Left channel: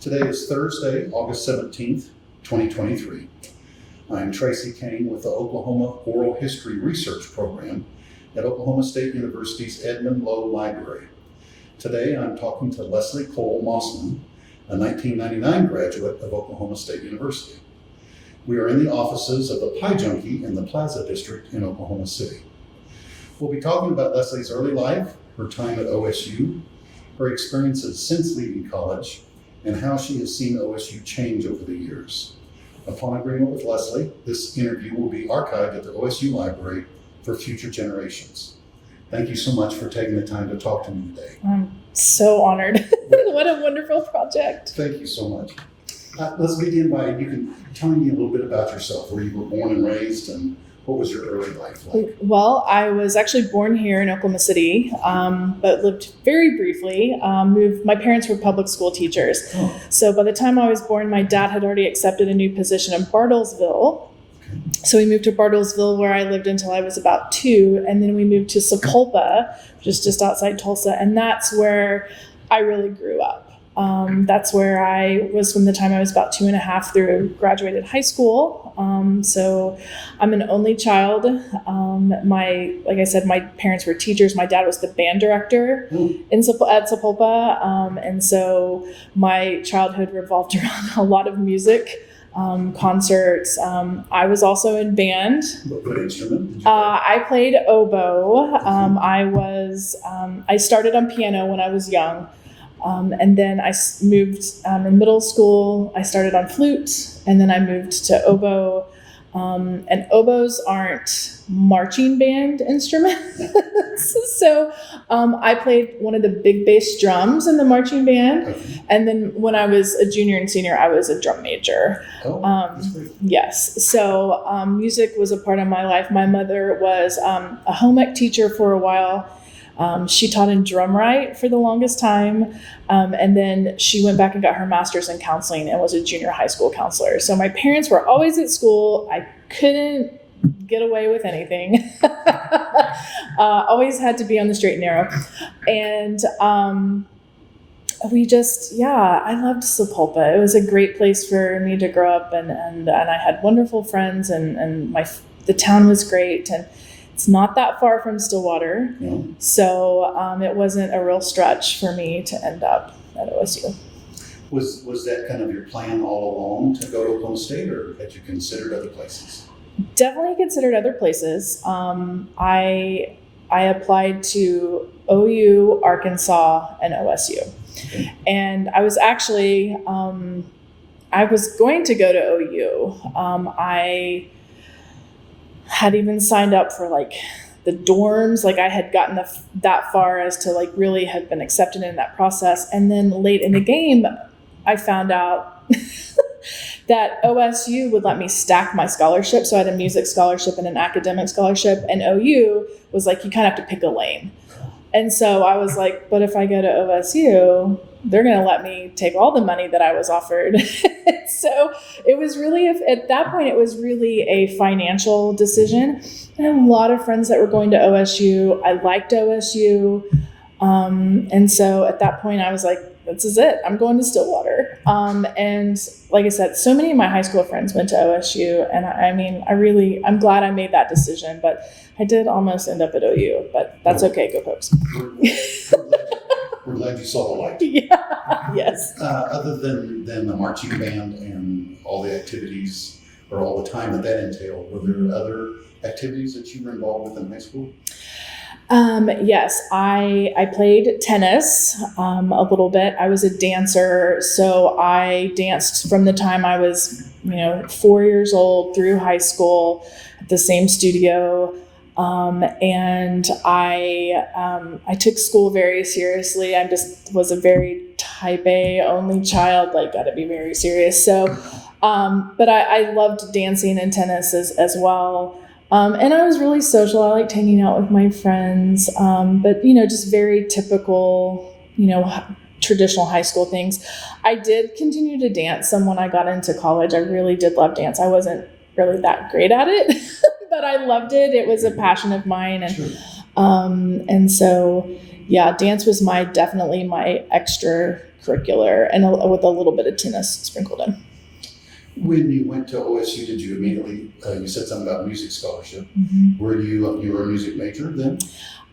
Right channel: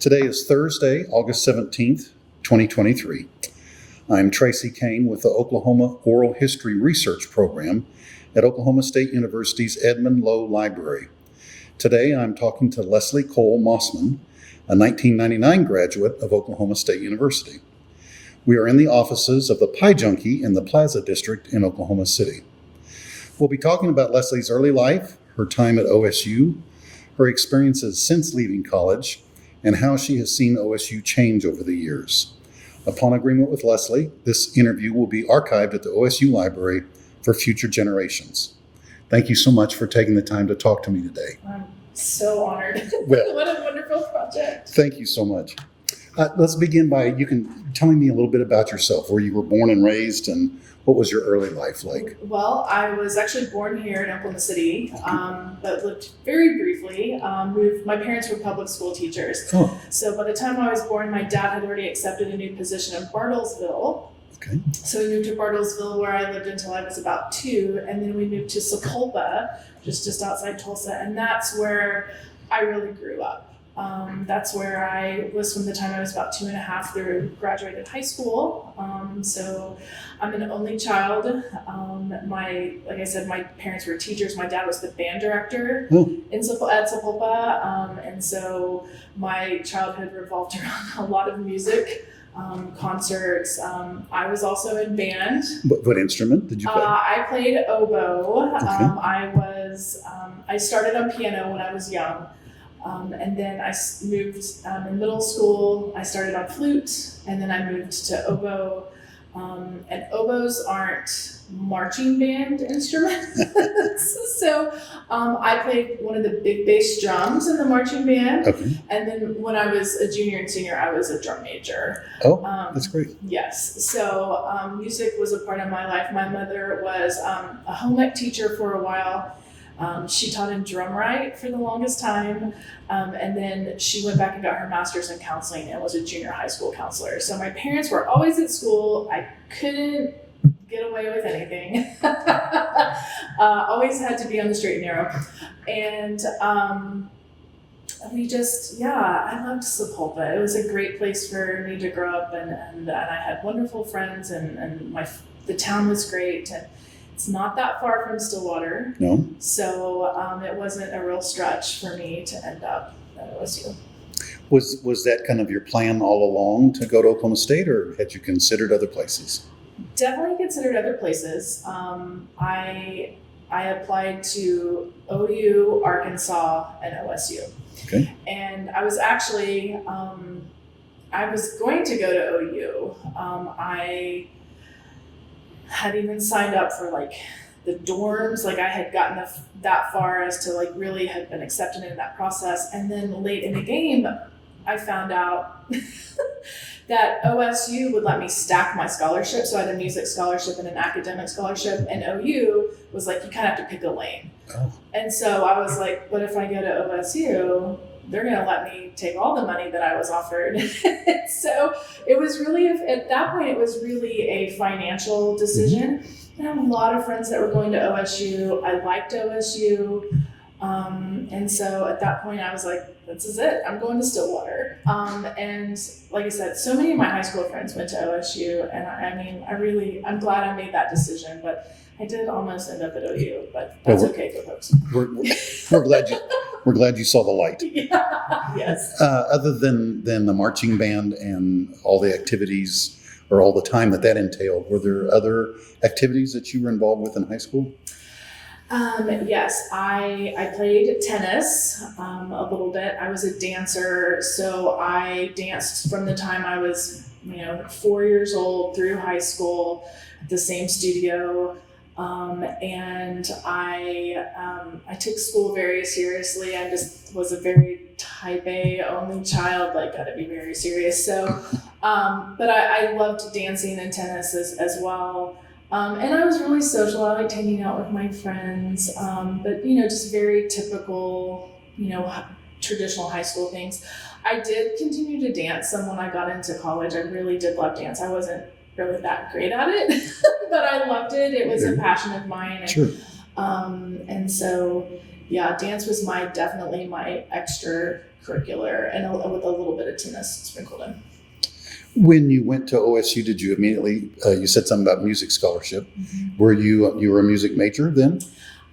Today is Thursday, August 17th, 2023. I'm Tracy Caine with the Oklahoma Oral History Research Program at Oklahoma State University's Edmund Lowe Library. Today I'm talking to Leslie Coale-Mossman, a 1999 graduate of Oklahoma State University. We are in the offices of the Pie Junkie in the Plaza District in Oklahoma City. We'll be talking about Leslie's early life, her time at OSU, her experiences since leaving college, and how she has seen OSU change over the years. Upon agreement with Leslie, this interview will be archived at the OSU Library for future generations. Thank you so much for taking the time to talk to me today. I'm so honored. What a wonderful project. Thank you so much. Let's begin by you telling me a little bit about yourself, where you were born and raised, and what was your early life like? Well, I was actually born here in Oklahoma City, but lived very briefly. My parents were public school teachers. Oh. So by the time I was born, my dad had already accepted a new position in Bartlesville. Okay. So we moved to Bartlesville, where I lived until I was about 2. And then we moved to Sapulpa, just outside Tulsa. And that's where I really grew up. That's where I was from the time I was about 2.5 through graduated high school. So I'm an only child. Like I said, my parents were teachers. My dad was the band director at Sapulpa. And so my childhood revolved around a lot of music, concerts. I was also in band. What instrument did you play? I played oboe. Okay. I started on piano when I was young. And then I moved in middle school. I started on flute, and then I moved to oboe. And oboes aren't marching band instruments. So I played one of the big bass drums in the marching band. Okay. And then when I was a junior and senior, I was a drum major. Oh, that's great. Yes. So music was a part of my life. My mother was a home ec teacher for a while. She taught in drum right for the longest time. And then she went back and got her master's in counseling and was a junior high school counselor. So my parents were always at school. I couldn't get away with anything. Always had to be on the straight and narrow. And I loved Sapulpa. It was a great place for me to grow up, and I had wonderful friends, and the town was great. And it's not that far from Stillwater. No. So it wasn't a real stretch for me to end up at OSU. Was that kind of your plan all along to go to Oklahoma State, or had you considered other places? Definitely considered other places. I applied to OU, Arkansas, and OSU. Okay. And I was actually, I was going to go to OU. I had even signed up for like the dorms. Like I had gotten that far as to like really have been accepted in that process. And then late in the game, I found out that OSU would let me stack my scholarship. So I had a music scholarship and an academic scholarship, and OU was like, you kind of have to pick a lane. Oh. And so I was like, but if I go to OSU, they're going to let me take all the money that I was offered. So it was really, at that point, it was really a financial decision. I had a lot of friends that were going to OSU. I liked OSU. And so at that point I was like, this is it. I'm going to Stillwater. And like I said, so many of my high school friends went to OSU. And I'm glad I made that decision, but I did almost end up at OU, but that's okay. Go Pokes. We're glad you saw the light. Yeah. Yes. Other than the marching band and all the activities or all the time that entailed, were there other activities that you were involved with in high school? Yes, I played tennis a little bit. I was a dancer, so I danced from the time I was 4 years old through high school at the same studio. And I took school very seriously. I just was a very type A only child, like got to be very serious. So, but I loved dancing and tennis as well. And I was really social. I liked hanging out with my friends. But just very typical, traditional high school things. I did continue to dance some when I got into college. I really did love dance. I wasn't really that great at it, but I loved it. It was a passion of mine. And, sure. And so, yeah, dance was definitely my extracurricular and with a little bit of tennis sprinkled in. When you went to OSU, did you immediately, you said something about music scholarship. Mm-hmm. Were you were a music major then?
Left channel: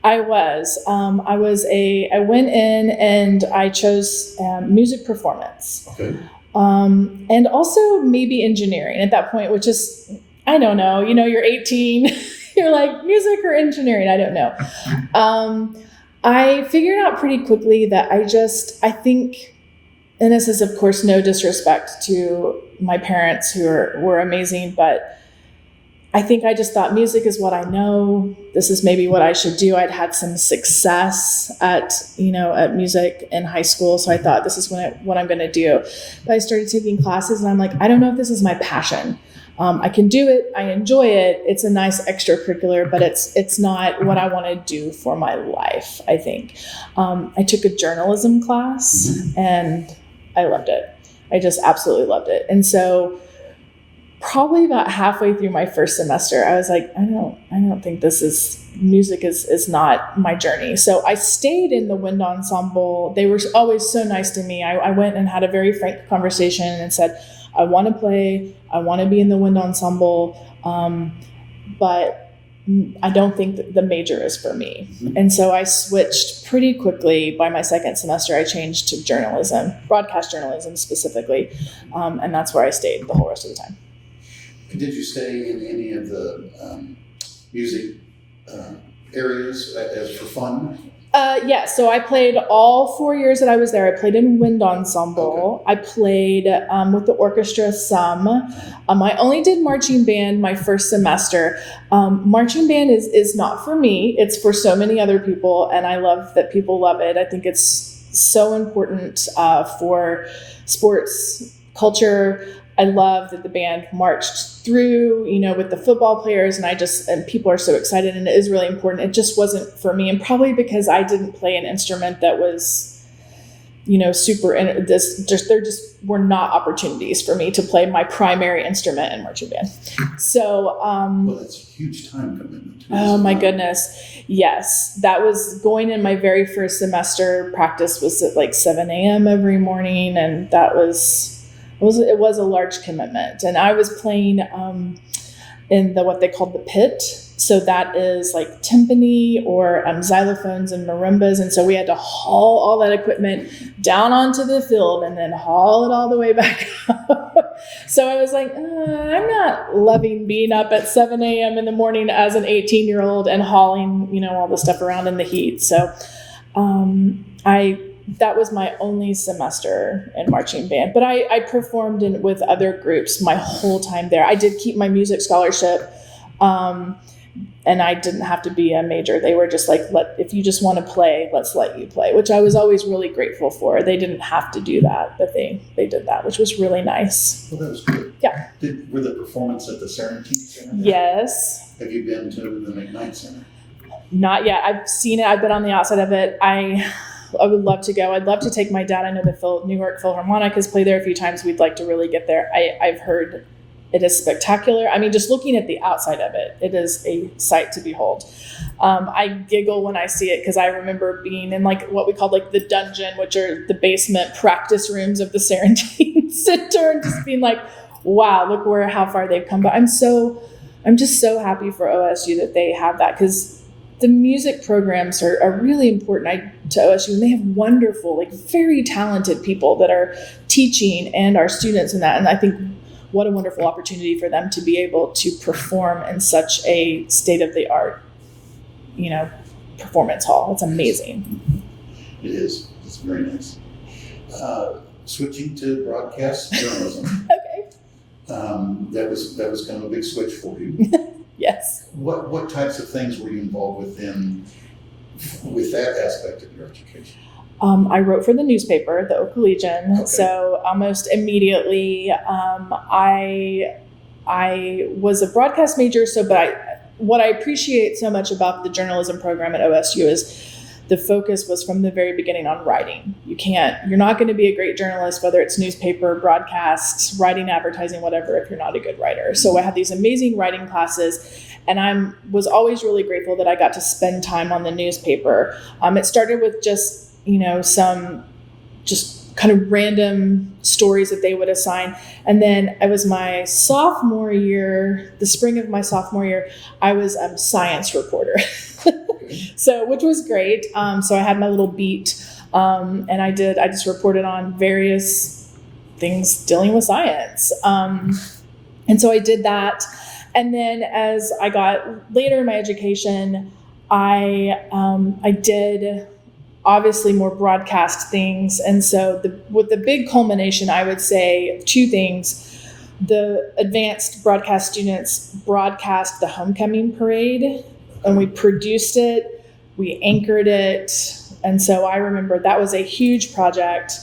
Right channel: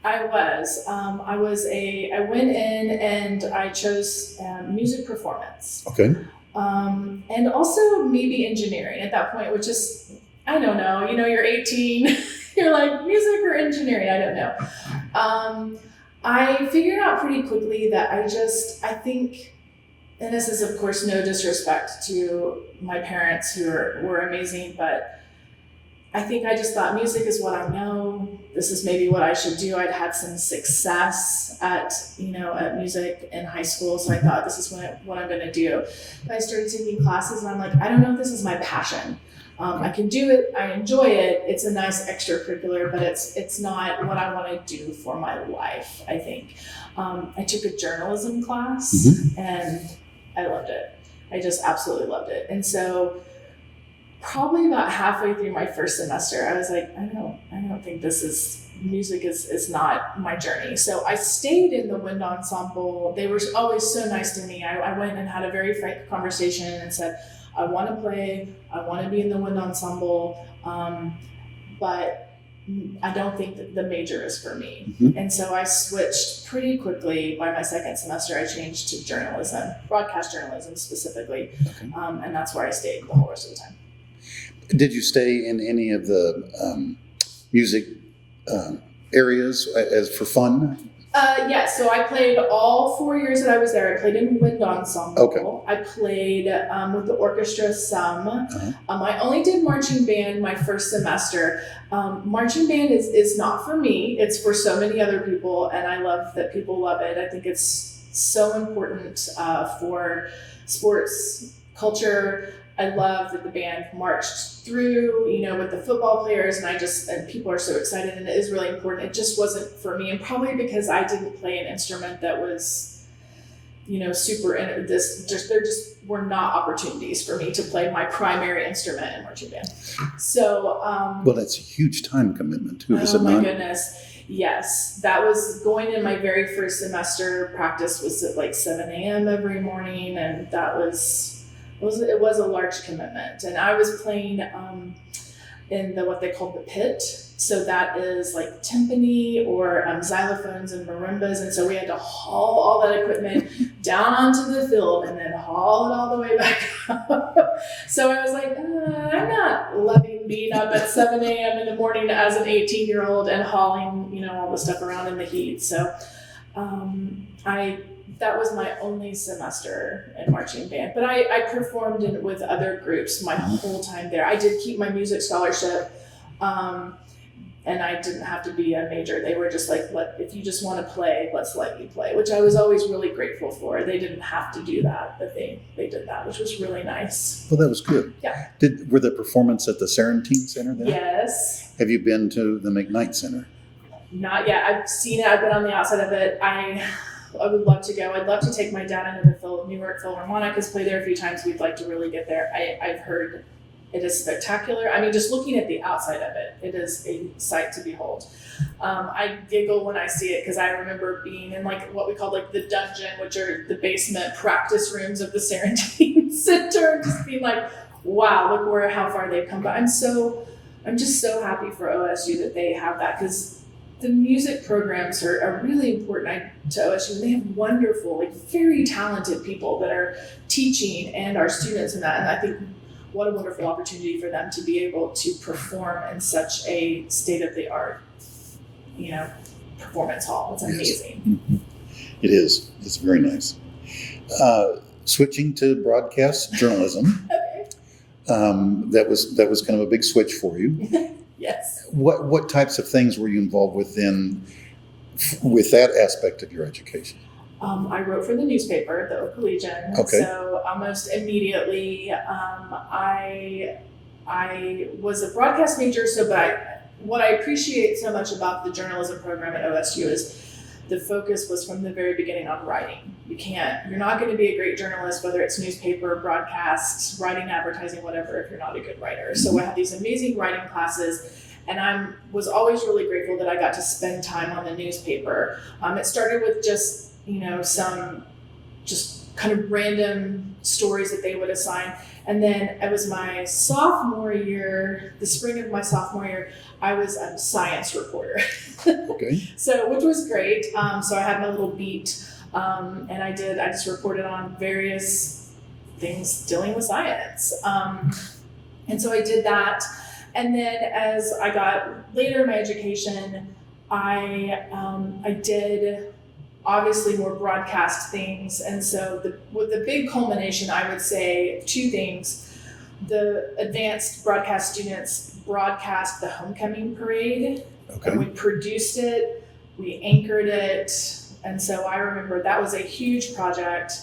I was. I went in and I chose music performance. Okay. And also maybe engineering at that point, which is, I don't know, you're 18, you're like music or engineering, I don't know. I figured out pretty quickly that I think, and this is of course no disrespect to my parents who were amazing, but I think I just thought music is what I know. This is maybe what I should do. I'd had some success at music in high school. So I thought this is what I'm going to do. But I started taking classes and I'm like, I don't know if this is my passion. I can do it. I enjoy it. It's a nice extracurricular, but it's not what I want to do for my life, I think. I took a journalism class and I loved it. I just absolutely loved it. And so probably about halfway through my first semester, I was like, I don't think music is not my journey. So I stayed in the wind ensemble. They were always so nice to me. I went and had a very frank conversation and said, I want to play, I want to be in the wind ensemble, but I don't think that the major is for me. Mm-hmm. And so I switched pretty quickly. By my second semester, I changed to journalism, broadcast journalism specifically. And that's where I stayed the whole rest of the time. Did you stay in any of the music areas as for fun? Yeah, so I played all 4 years that I was there. I played in wind ensemble. Okay. I played with the orchestra some. I only did marching band my first semester. Marching band is not for me. It's for so many other people, and I love that people love it. I think it's so important for sports culture. I love that the band marched through, with the football players, and people are so excited, and it is really important. It just wasn't for me, and probably because I didn't play an instrument that was, super. And there just were not opportunities for me to play my primary instrument in marching band. So, well, that's a huge time commitment too. Oh my goodness, yes, that was going in my very first semester. Practice was at like 7 a.m. every morning, and that was. It was a large commitment. And I was playing in what they called the pit. So that is like timpani or xylophones and marimbas. And so we had to haul all that equipment down onto the field and then haul it all the way back up. So I was like, I'm not loving being up at 7 a.m. in the morning as an 18-year-old and hauling, all the stuff around in the heat. So that was my only semester in marching band, but I performed with other groups my whole time there. I did keep my music scholarship, and I didn't have to be a major. They were just like, if you just want to play, let's let you play, which I was always really grateful for. They didn't have to do that, but they did that, which was really nice. Well, that was good. Yeah. Were the performance at the Sarantine Center there? Yes. Have you been to the McKnight Center? Not yet. I've seen it. I've been on the outside of it. I would love to go. I'd love to take my dad. I know the New York Philharmonic has played there a few times. We'd like to really get there. I've heard it is spectacular. I mean, just looking at the outside of it, it is a sight to behold. I giggle when I see it because I remember being in like what we called like the dungeon, which are the basement practice rooms of the Sarantine Center, and just being like, wow, look how far they've come. But I'm just so happy for OSU that they have that, because the music programs are really important to OSU, and they have wonderful, like very talented people that are teaching and our students in that. And I think what a wonderful opportunity for them to be able to perform in such a state-of-the-art, performance hall. It's amazing. It is. It's very nice. Switching to broadcast journalism. Okay. That was kind of a big switch for you. Yes. What types of things were you involved with that aspect of your education? I wrote for the newspaper, the Oak Legion. Okay. So almost immediately, I was a broadcast major. What I appreciate so much about the journalism program at OSU is the focus was from the very beginning on writing. You're not going to be a great journalist, whether it's newspaper, broadcasts, writing, advertising, whatever, if you're not a good writer. So I had these amazing writing classes, and I was always really grateful that I got to spend time on the newspaper. It started with just, some just kind of random stories that they would assign. And then it was my sophomore year, the spring of my sophomore year, I was a science reporter. Okay. So, which was great. So I had my little beat, and I just reported on various things dealing with science. And so I did that. And then as I got later in my education, I did obviously more broadcast things. And so with the big culmination, I would say two things. The advanced broadcast students broadcast the homecoming parade, and we produced it, we anchored it. And so I remember that was a huge project.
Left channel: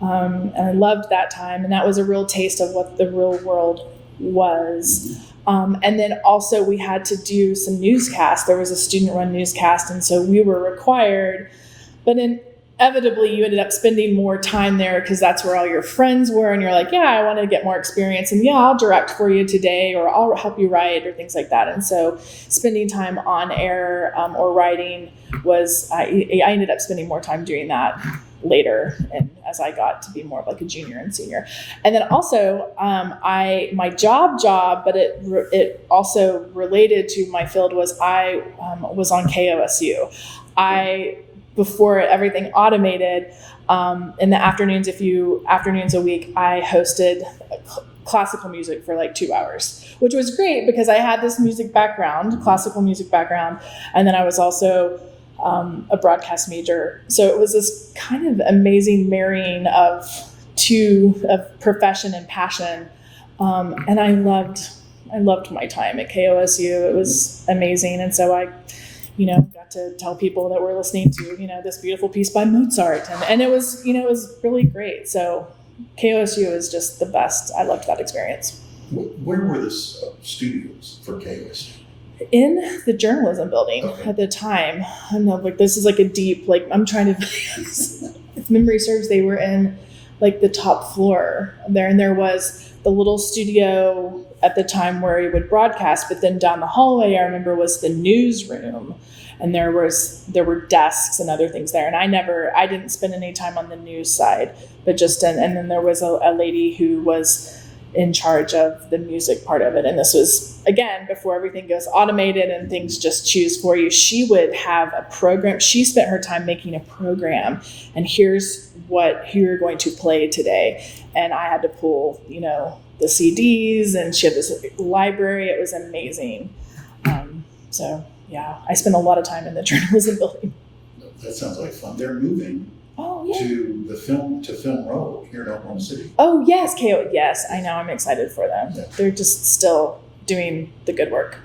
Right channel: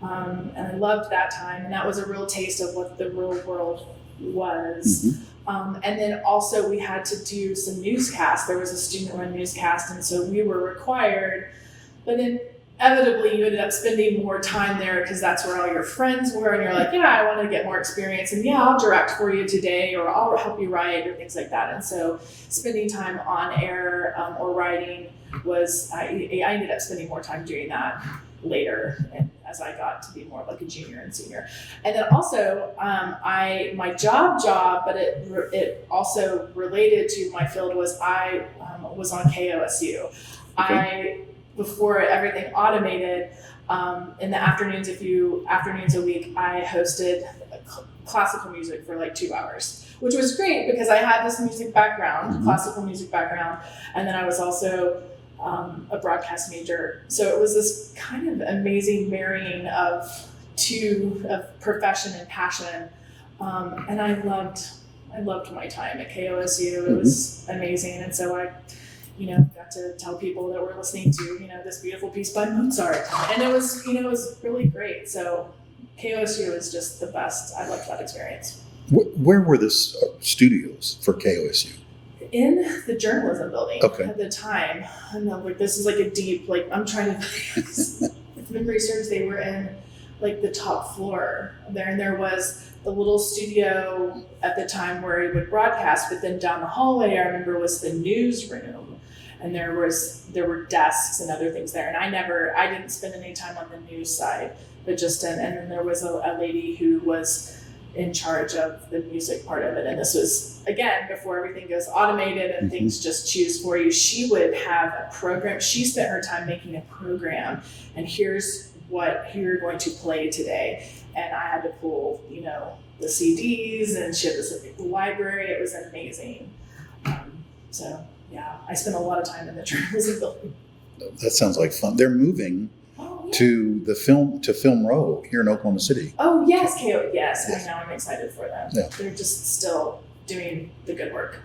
And I loved that time. And that was a real taste of what the real world was. And then also we had to do some newscasts. There was a student-run newscast, and so we were required. But inevitably, you ended up spending more time there because that's where all your friends were, and you're like, yeah, I want to get more experience, and yeah, I'll direct for you today, or I'll help you write, or things like that. And so spending time on air or writing was, I ended up spending more time doing that later, and as I got to be more of like a junior and senior. And then also my job, but it also related to my field was I was on KOSU. Before everything automated, in the afternoons, afternoons a week, I hosted classical music for like 2 hours, which was great because I had this music background, classical music background, and then I was also a broadcast major. So it was this kind of amazing marrying of profession and passion. And I loved my time at KOSU. It was amazing. And so I, got to tell people that we're listening to, this beautiful piece by Mozart. And it was, it was really great. So KOSU is just the best. I loved that experience. Where were the studios for KOSU? In the journalism building at the time. I know, this is like a deep, I'm trying to, if memory serves, they were in the top floor there. And there was the little studio at the time where he would broadcast, but then down the hallway, I remember, was the newsroom. And there were desks and other things there. And I didn't spend any time on the news side, but and then there was a lady who was in charge of the music part of it. And this was, again, before everything goes automated and things just choose for you. She would have a program. She spent her time making a program, and here's who you're going to play today. And I had to pull, the CDs, and she had this library. It was amazing. So yeah, I spent a lot of time in the journalism building. That sounds like fun. They're moving to the Film Row here in Oklahoma City. Oh yes, yes, I know. I'm excited for them. Yeah. They're just still doing the good work.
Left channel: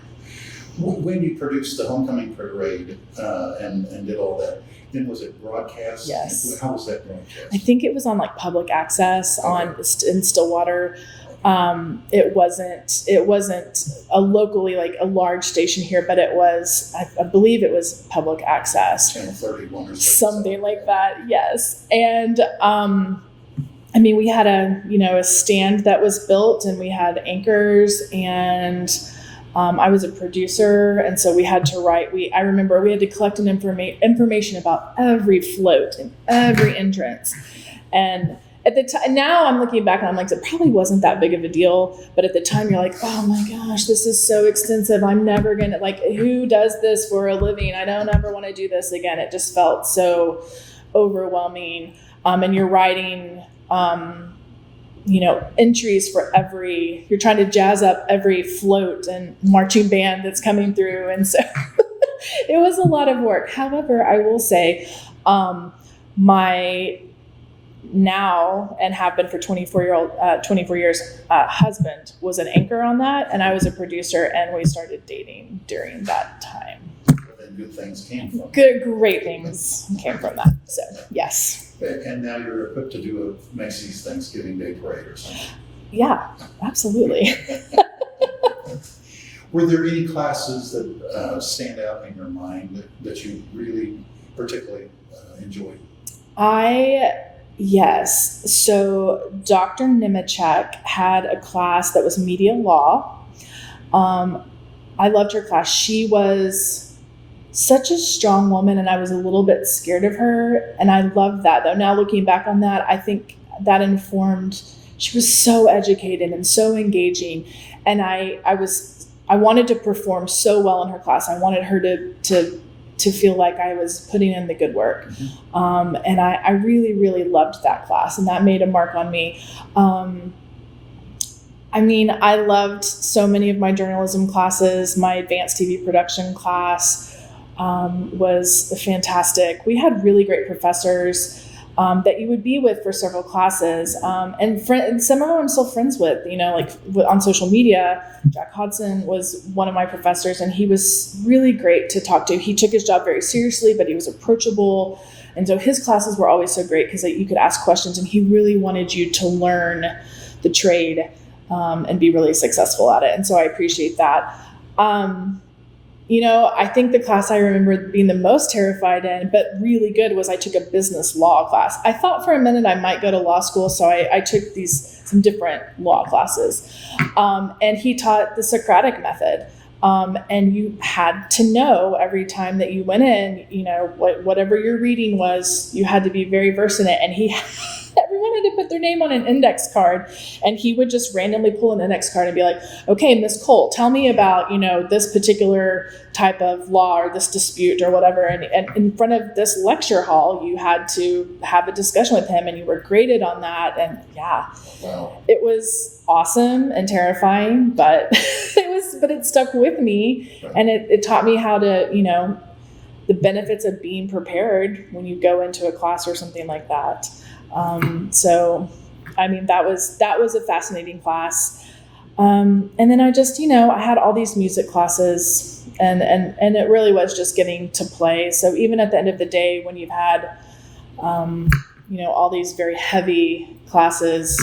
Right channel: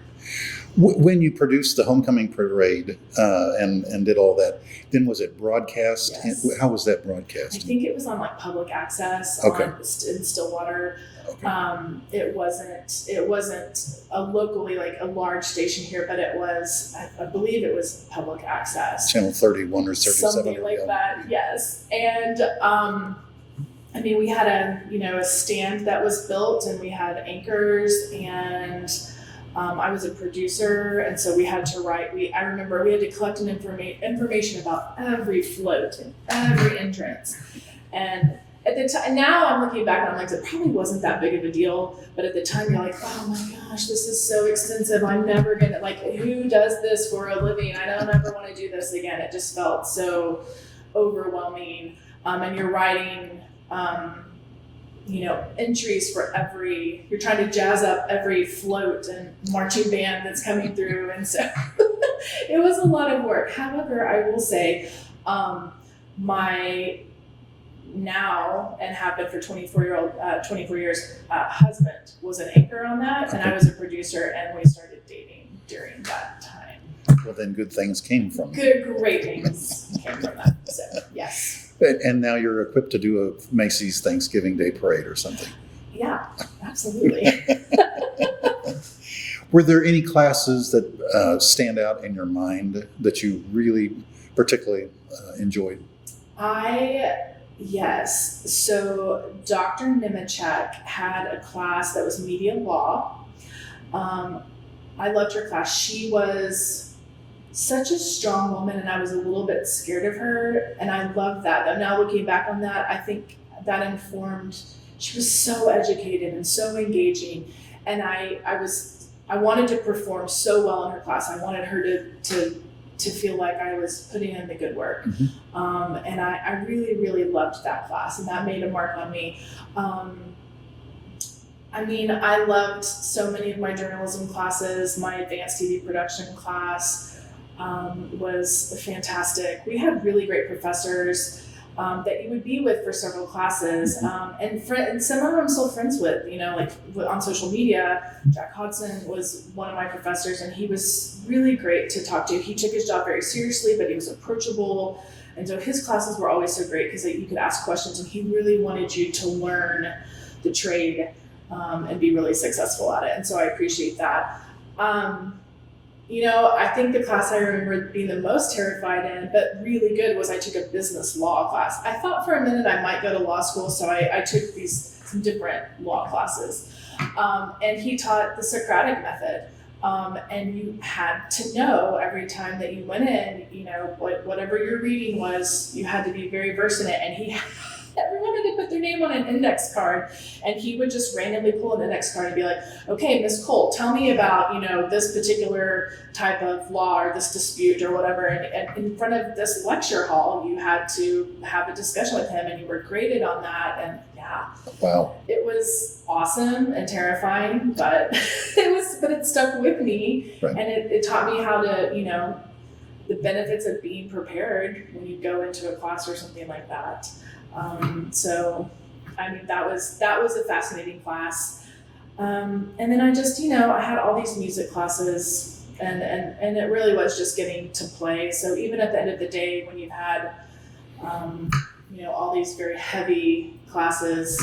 When you produced the homecoming parade and did all that, then was it broadcast? Yes. How was that broadcast? I think it was on public access in Stillwater. Okay. It wasn't a locally a large station here, but it was, I believe it was public access. Channel 31 or something like that. Yes. And we had a stand that was built, and we had anchors, and I was a producer, and so we had to write. I remember we had to collect information about every float and every entrance. And at the time, now I'm looking back and I'm like, it probably wasn't that big of a deal. But at the time, you're like, oh my gosh, this is so extensive. I'm never gonna who does this for a living? I don't ever want to do this again. It just felt so overwhelming. And you're writing, entries for you're trying to jazz up every float and marching band that's coming through. And so it was a lot of work. However, I will say, my now, and have been for 24 years, husband was an anchor on that, and I was a producer, and we started dating during that time. Well, then good things came from great things came from that. So yes. And now you're equipped to do a Macy's Thanksgiving Day parade or something. Yeah, absolutely. Were there any classes that stand out in your mind that you really particularly enjoyed? Yes. So Dr. Nemechek had a class that was media law. I loved her class. She was such a strong woman, and I was a little bit scared of her. And I loved that, though. Now looking back on that, I think that informed, she was so educated and so engaging. And I wanted to perform so well in her class. I wanted her to feel like I was putting in the good work. Mm-hmm. And I really, really loved that class, and that made a mark on me. I loved so many of my journalism classes. My advanced TV production class was fantastic. We had really great professors that you would be with for several classes. And some of them I'm still friends with, like on social media. Jack Hodson was one of my professors, and he was really great to talk to. He took his job very seriously, but he was approachable. And so his classes were always so great because you could ask questions, and he really wanted you to learn the trade and be really successful at it. And so I appreciate that. I think the class I remember being the most terrified in, but really good, was I took a business law class. I thought for a minute I might go to law school, so I took some different law classes. And he taught the Socratic method. And you had to know every time that you went in, whatever your reading was, you had to be very versed in it. And everyone had to put their name on an index card, and he would just randomly pull an index card and be like, okay, Miss Cole, tell me about, this particular type of law or this dispute or whatever. And in front of this lecture hall, you had to have a discussion with him, and you were graded on that. And yeah, wow, it was awesome and terrifying, but it stuck with me. Right. And it taught me how to, the benefits of being prepared when you go into a class or something like that. That was a fascinating class. And then I just, I had all these music classes, and it really was just getting to play. So even at the end of the day, when you've had, all these very heavy classes,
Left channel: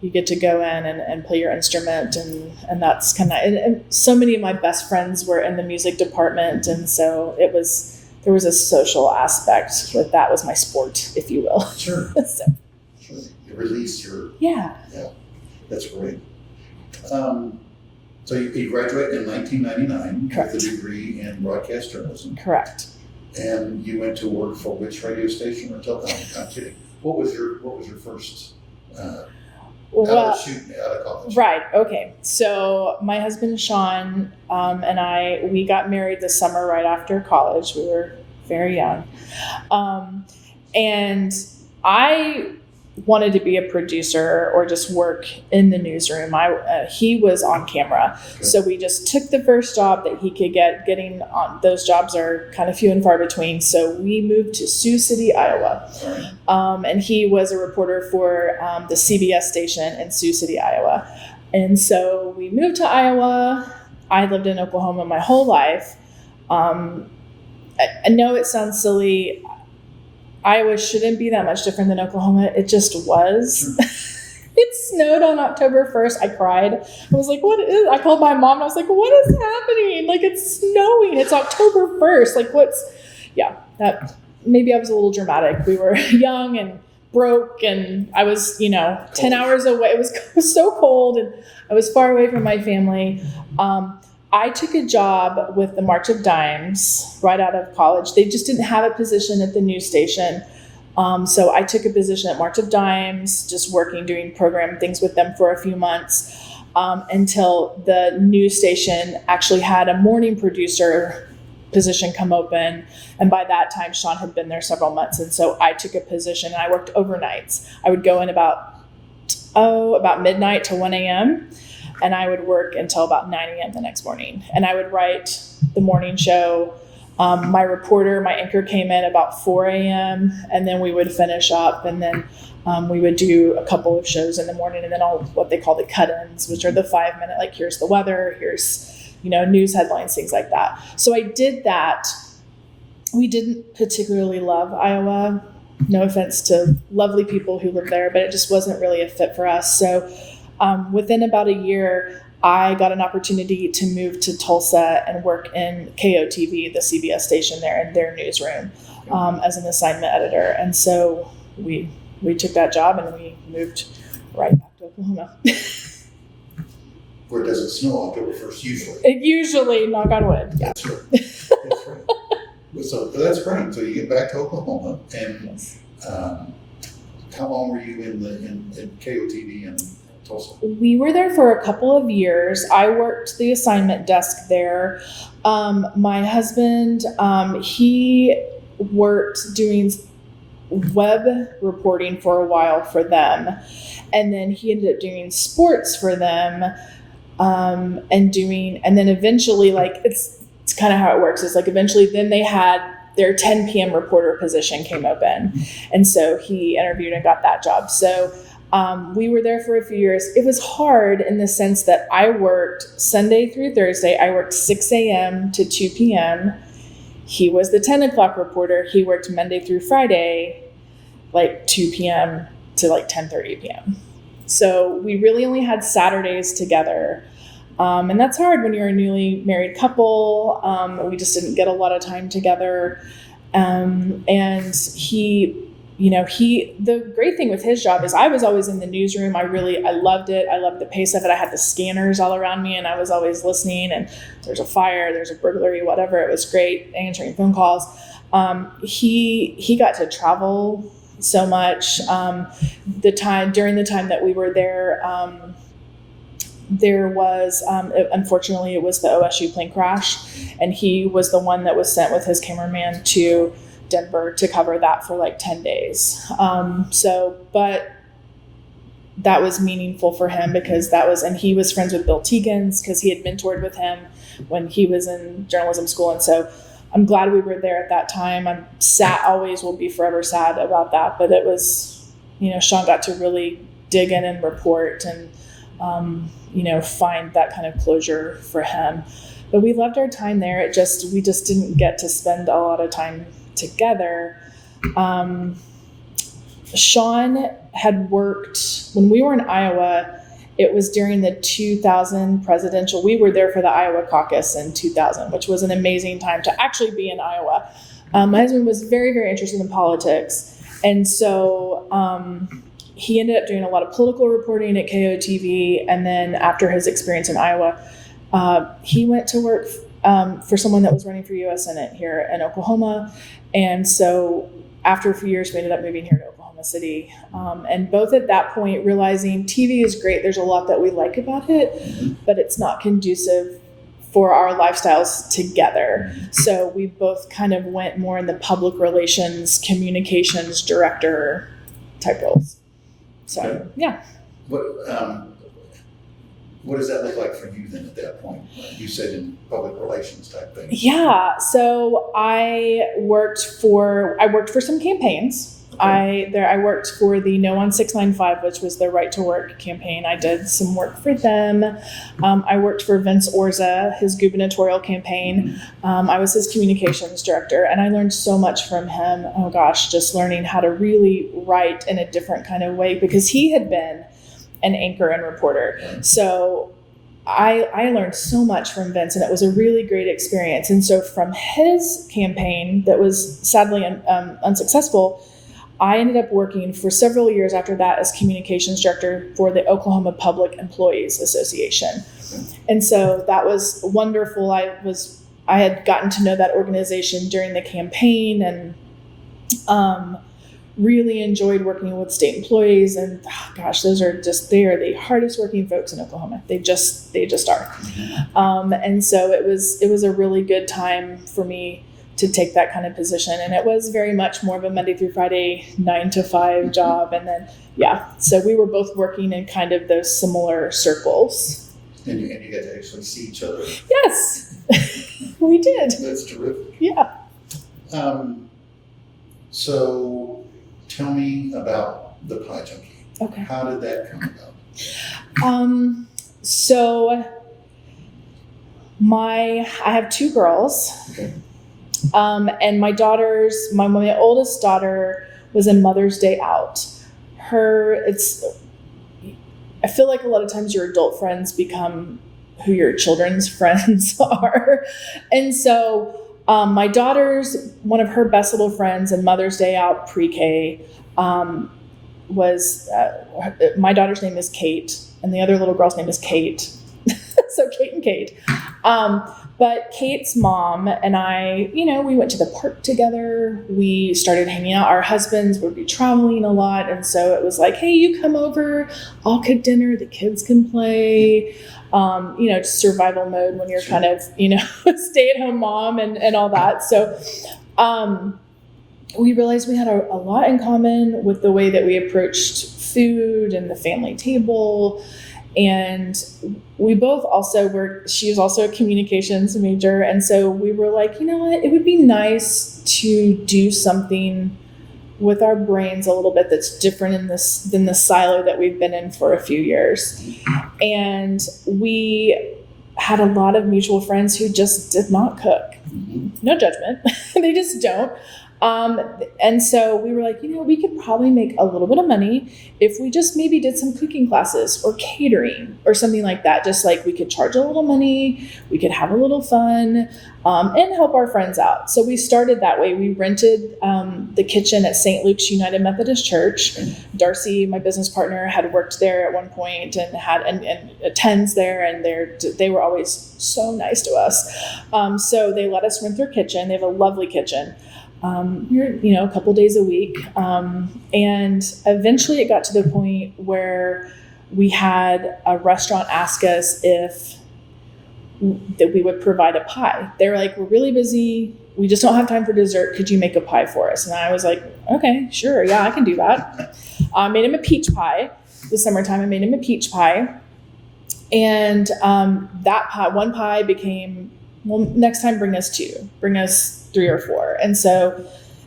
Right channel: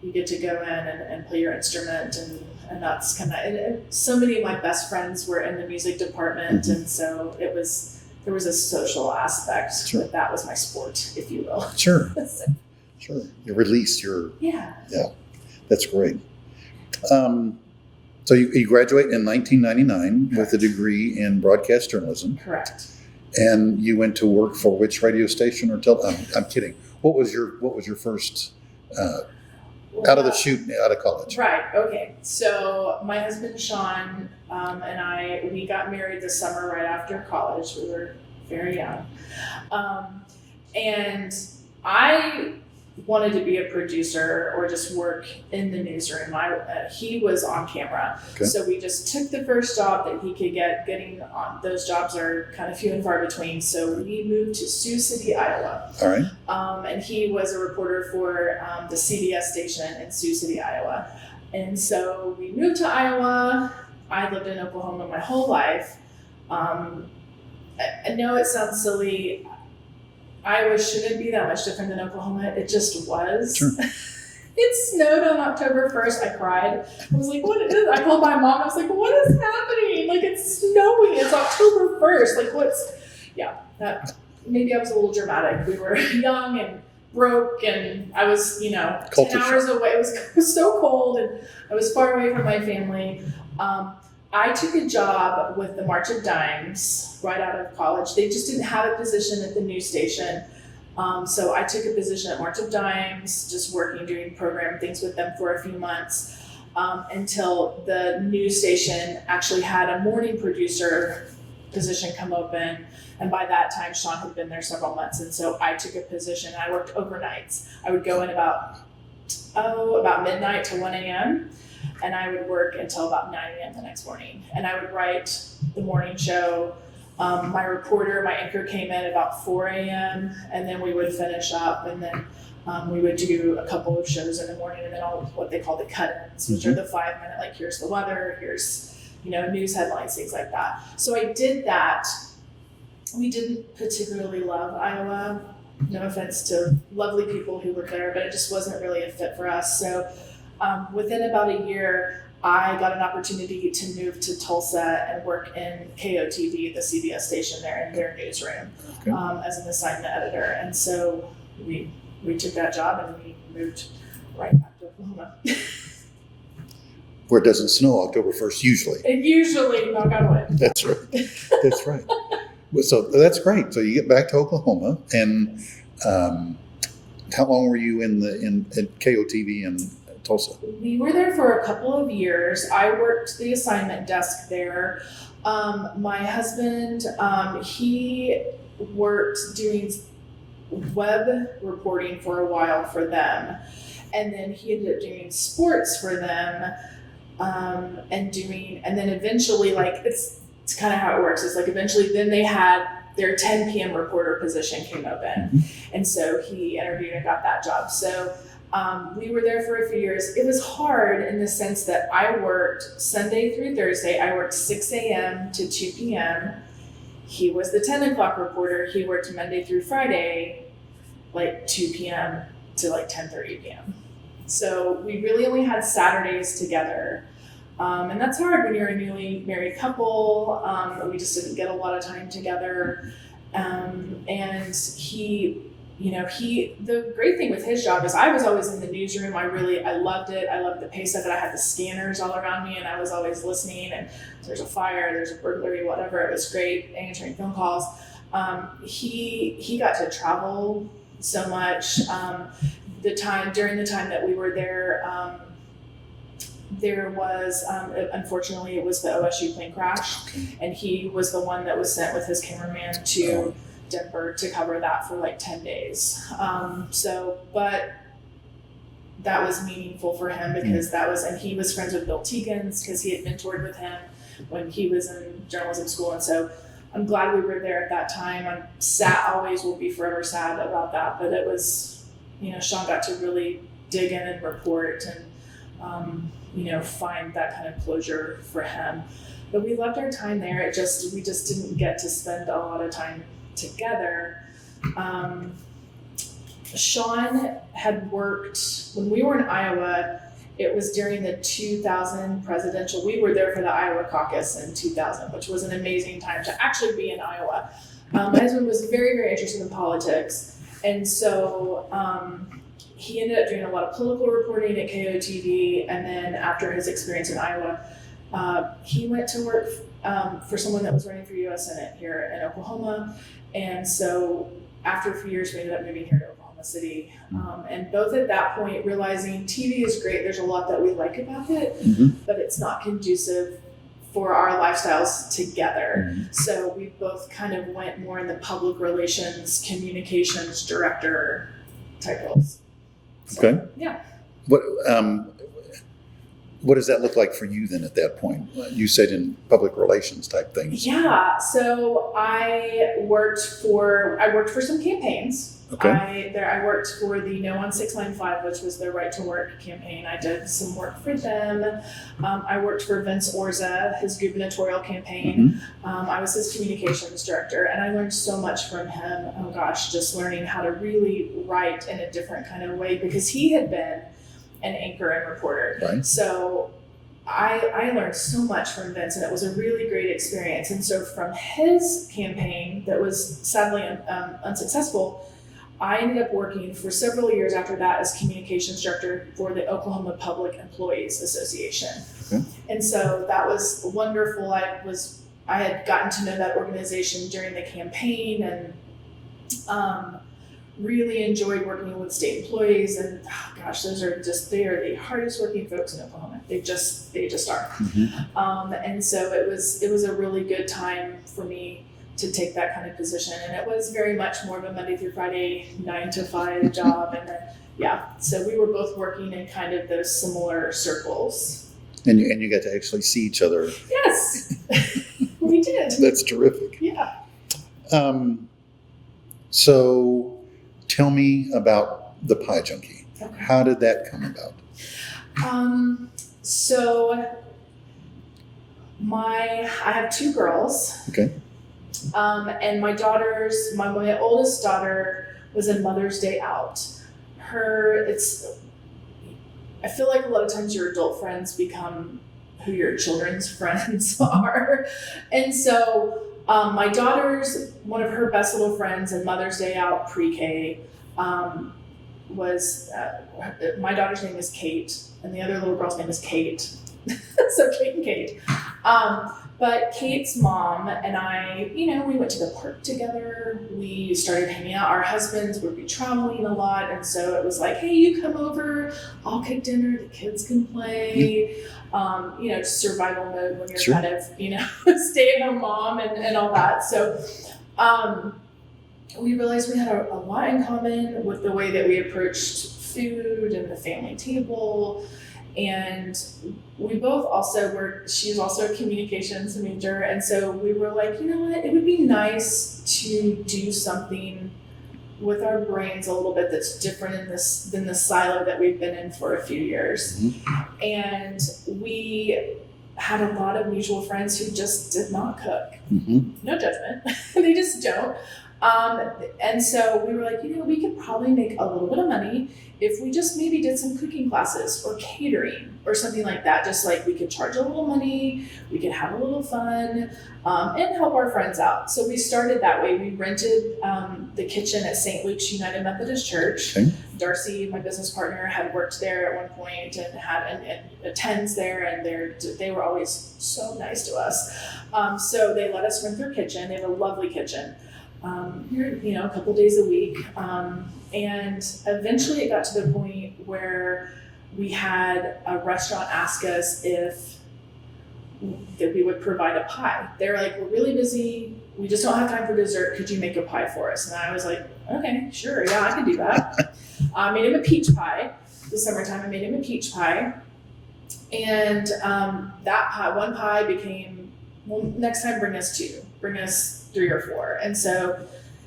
you get to go in and play your instrument. And that's and so many of my best friends were in the music department. Mm-hmm. And so there was a social aspect. Sure. That was my sport, if you will. Sure. Sure. You released Yeah. That's great. So you graduated in 1999 Correct. With a degree in broadcast journalism. Correct. And you went to work for which radio station or I'm kidding. What was your first out of college? Right. Okay. So my husband Sean and we got married this summer right after college. We were very young, and I wanted to be a producer or just work in the newsroom. He was on camera. Okay. So we just took the first job that he could get. Getting on those jobs are kind of few and far between. So we moved to Sioux City, Iowa. All right. And he was a reporter for the CBS station in Sioux City, Iowa. And so we moved to Iowa. I lived in Oklahoma my whole life. I know it sounds silly. Iowa shouldn't be that much different than Oklahoma. It just was. Sure. It snowed on October 1st. I cried. I was like, what is, I called my mom. I was like, what is happening? Like, it's snowing. It's October 1st. Like, maybe I was a little dramatic. We were young and broke, and I was, 10 hours away. It was so cold, and I was far away from my family. I took a job with the March of Dimes right out of college. They just didn't have a position at the news station. So I took a position at March of Dimes, just doing program things with them for a few months until the news station actually had a morning producer position come open. And by that time, Sean had been there several months. And so I took a position, and I worked overnights. I would go in about midnight to 1 a.m., and I would work until about 9 a.m. the next morning. And I would write the morning show. My anchor came in about 4 a.m. and then we would finish up, and then we would do a couple of shows in the morning, and then all what they call the cut-ins, which are the 5-minute, like, here's the weather, here's, news headlines, things like that. So I did that. We didn't particularly love Iowa. No offense to lovely people who live there, but it just wasn't really a fit for us. So within about a year, I got an opportunity to move to Tulsa and work in KOTV, the CBS station there, in their newsroom, as an assignment editor. And so we took that job, and we moved right back to Oklahoma. Where it doesn't snow October 1st, usually. Usually, knock on wood. That's right. That's right. So that's great. So you get back to Oklahoma, and how long were you at KOTV in Tulsa? We were there for a couple of years. I worked the assignment desk there. My husband, he worked doing web reporting for a while for them, and then he ended up doing sports for them, and then eventually, like it's kind of how it works. Is like eventually then they had their 10 p.m. reporter position came open, and so he interviewed and got that job. So we were there for a few years. It was hard in the sense that I worked Sunday through Thursday. I worked 6 a.m. to 2 p.m. He was the 10 o'clock reporter. He worked Monday through Friday, like 2 p.m. to like 10:30 p.m. So we really only had Saturdays together. And that's hard when you're a newly married couple. We just didn't get a lot of time together. And the great thing with his job is I was always in the newsroom. I loved it. I loved the pace of it. I had the scanners all around me and I was always listening, and there's a fire, there's a burglary, whatever. It was great answering phone calls. He got to travel so much. During the time that we were there, there was, unfortunately, it was the OSU plane crash, and he was the one that was sent with his cameraman to Denver to cover that for like 10 days. But that was meaningful for him because and he was friends with Bill Teagans because he had mentored with him when he was in journalism school. And so I'm glad we were there at that time. I'm sad, always will be forever sad about that. But it was, Sean got to really dig in and report and, find that kind of closure for him. But we loved our time there. We just didn't get to spend a lot of time together. Sean had worked when we were in Iowa. It was during the 2000 presidential. We were there for the Iowa caucus in 2000, which was an amazing time to actually be in Iowa. My husband was very, very interested in politics. And so he ended up doing a lot of political reporting at KOTV. And then after his experience in Iowa, he went to work for someone that was running for U.S. Senate here in Oklahoma. And so after a few years, we ended up moving here to Oklahoma City. And both at that point, realizing TV is great. There's a lot that we like about it, but it's not conducive for our lifestyles together. So we both kind of went more in the public relations, communications director type roles. So, okay. Yeah. What does that look like for you then at that point? You said in public relations type things. Yeah. So I worked for some campaigns. Okay. I worked for the No on 695, which was their Right to Work campaign. I did some work for them. I worked for Vince Orza, his gubernatorial campaign. I was his communications director, and I learned so much from him. Oh gosh, just learning how to really write in a different kind of way because he had been an anchor and reporter. Right. So I learned so much from Vince, and it was a really great experience. And so from his campaign that was sadly unsuccessful, I ended up working for several years after that as communications director for the Oklahoma Public Employees Association. Okay. And so that was wonderful. I had gotten to know that organization during the campaign and really enjoyed working with state employees. And they are the hardest working folks in Oklahoma. They just are. And so it was a really good time for me to take that kind of position. And it was very much more of a Monday through Friday, 9 to 5 job. And then, so we were both working in kind of those similar circles. And you got to actually see each other. Yes, we did. That's terrific. Yeah. So tell me about the Pie Junkie. Okay. How did that come about? So I have 2 girls. Okay. And my oldest daughter was in Mother's Day Out. I feel like a lot of times your adult friends become who your children's friends are. And so my daughter's, one of her best little friends in Mother's Day Out pre-K was, my daughter's name is Kate, and the other little girl's name is Kate. So Kate and Kate. But Kate's mom and I, we went to the park together. We started hanging out. Our husbands would be traveling a lot. And so it was like, hey, you come over, I'll cook dinner, the kids can play. Just survival mode when you're Sure. kind of, stay-at-home mom and all that. So we realized we had a lot in common with the way that we approached food and the family table. And we both also she's also a communications major. And so we were like, you know what, it would be nice to do something with our brains a little bit that's different than the silo that we've been in for a few years. Mm-hmm. And we had a lot of mutual friends who just did not cook. Mm-hmm. No judgment. They just don't. And so we were like, we could probably make a little bit of money if we just maybe did some cooking classes or catering or something like that. Just like we could charge a little money, we could have a little fun, and help our friends out. So we started that way. We rented the kitchen at St. Luke's United Methodist Church. Okay. Darcy, my business partner, had worked there at one point and attends there, and they were always so nice to us. So they let us rent their kitchen. They have a lovely kitchen. A couple days a week. And eventually it got to the point where we had a restaurant ask us if that we would provide a pie. They're like, we're really busy. We just don't have time for dessert. Could you make a pie for us? And I was like, okay, sure. Yeah, I can do that. I made him a peach pie. The summertime, I made him a peach pie. And that pie, one pie became, well, next time bring us 3 or 4. And so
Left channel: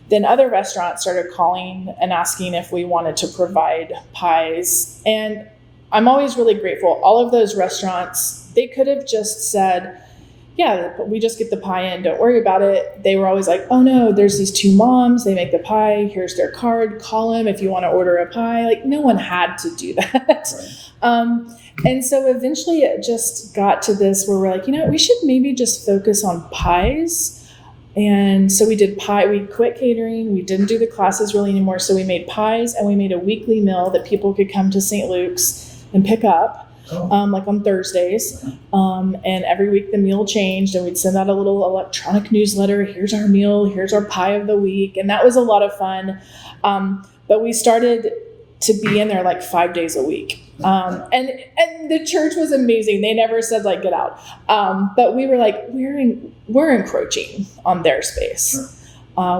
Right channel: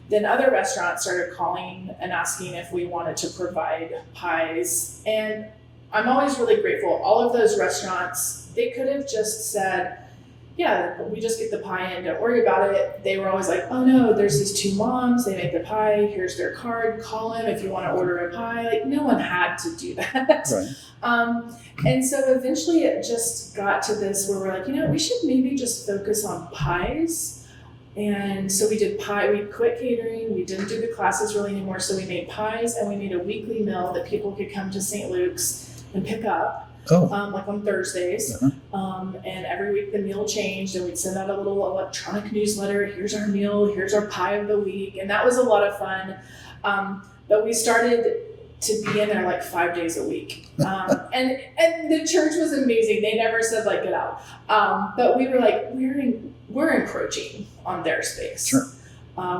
then other restaurants started calling and asking if we wanted to provide pies. And I'm always really grateful. All of those restaurants, they could have just said, yeah, we just get the pie in, don't worry about it. They were always like, oh no, there's these 2 moms, they make the pie, here's their card, call them if you want to order a pie. Like, no one had to do that. Right. And so eventually it just got to this where we're like, we should maybe just focus on pies. And so we did pie. We quit catering. We didn't do the classes really anymore. So we made pies, and we made a weekly meal that people could come to St. Luke's and pick up, like on Thursdays. Uh-huh. And every week the meal changed, and we'd send out a little electronic newsletter. Here's our meal. Here's our pie of the week. And that was a lot of fun. But we started to be in there like 5 days a week. And the church was amazing. They never said like, get out. But we were like, we're encroaching on their space. Sure.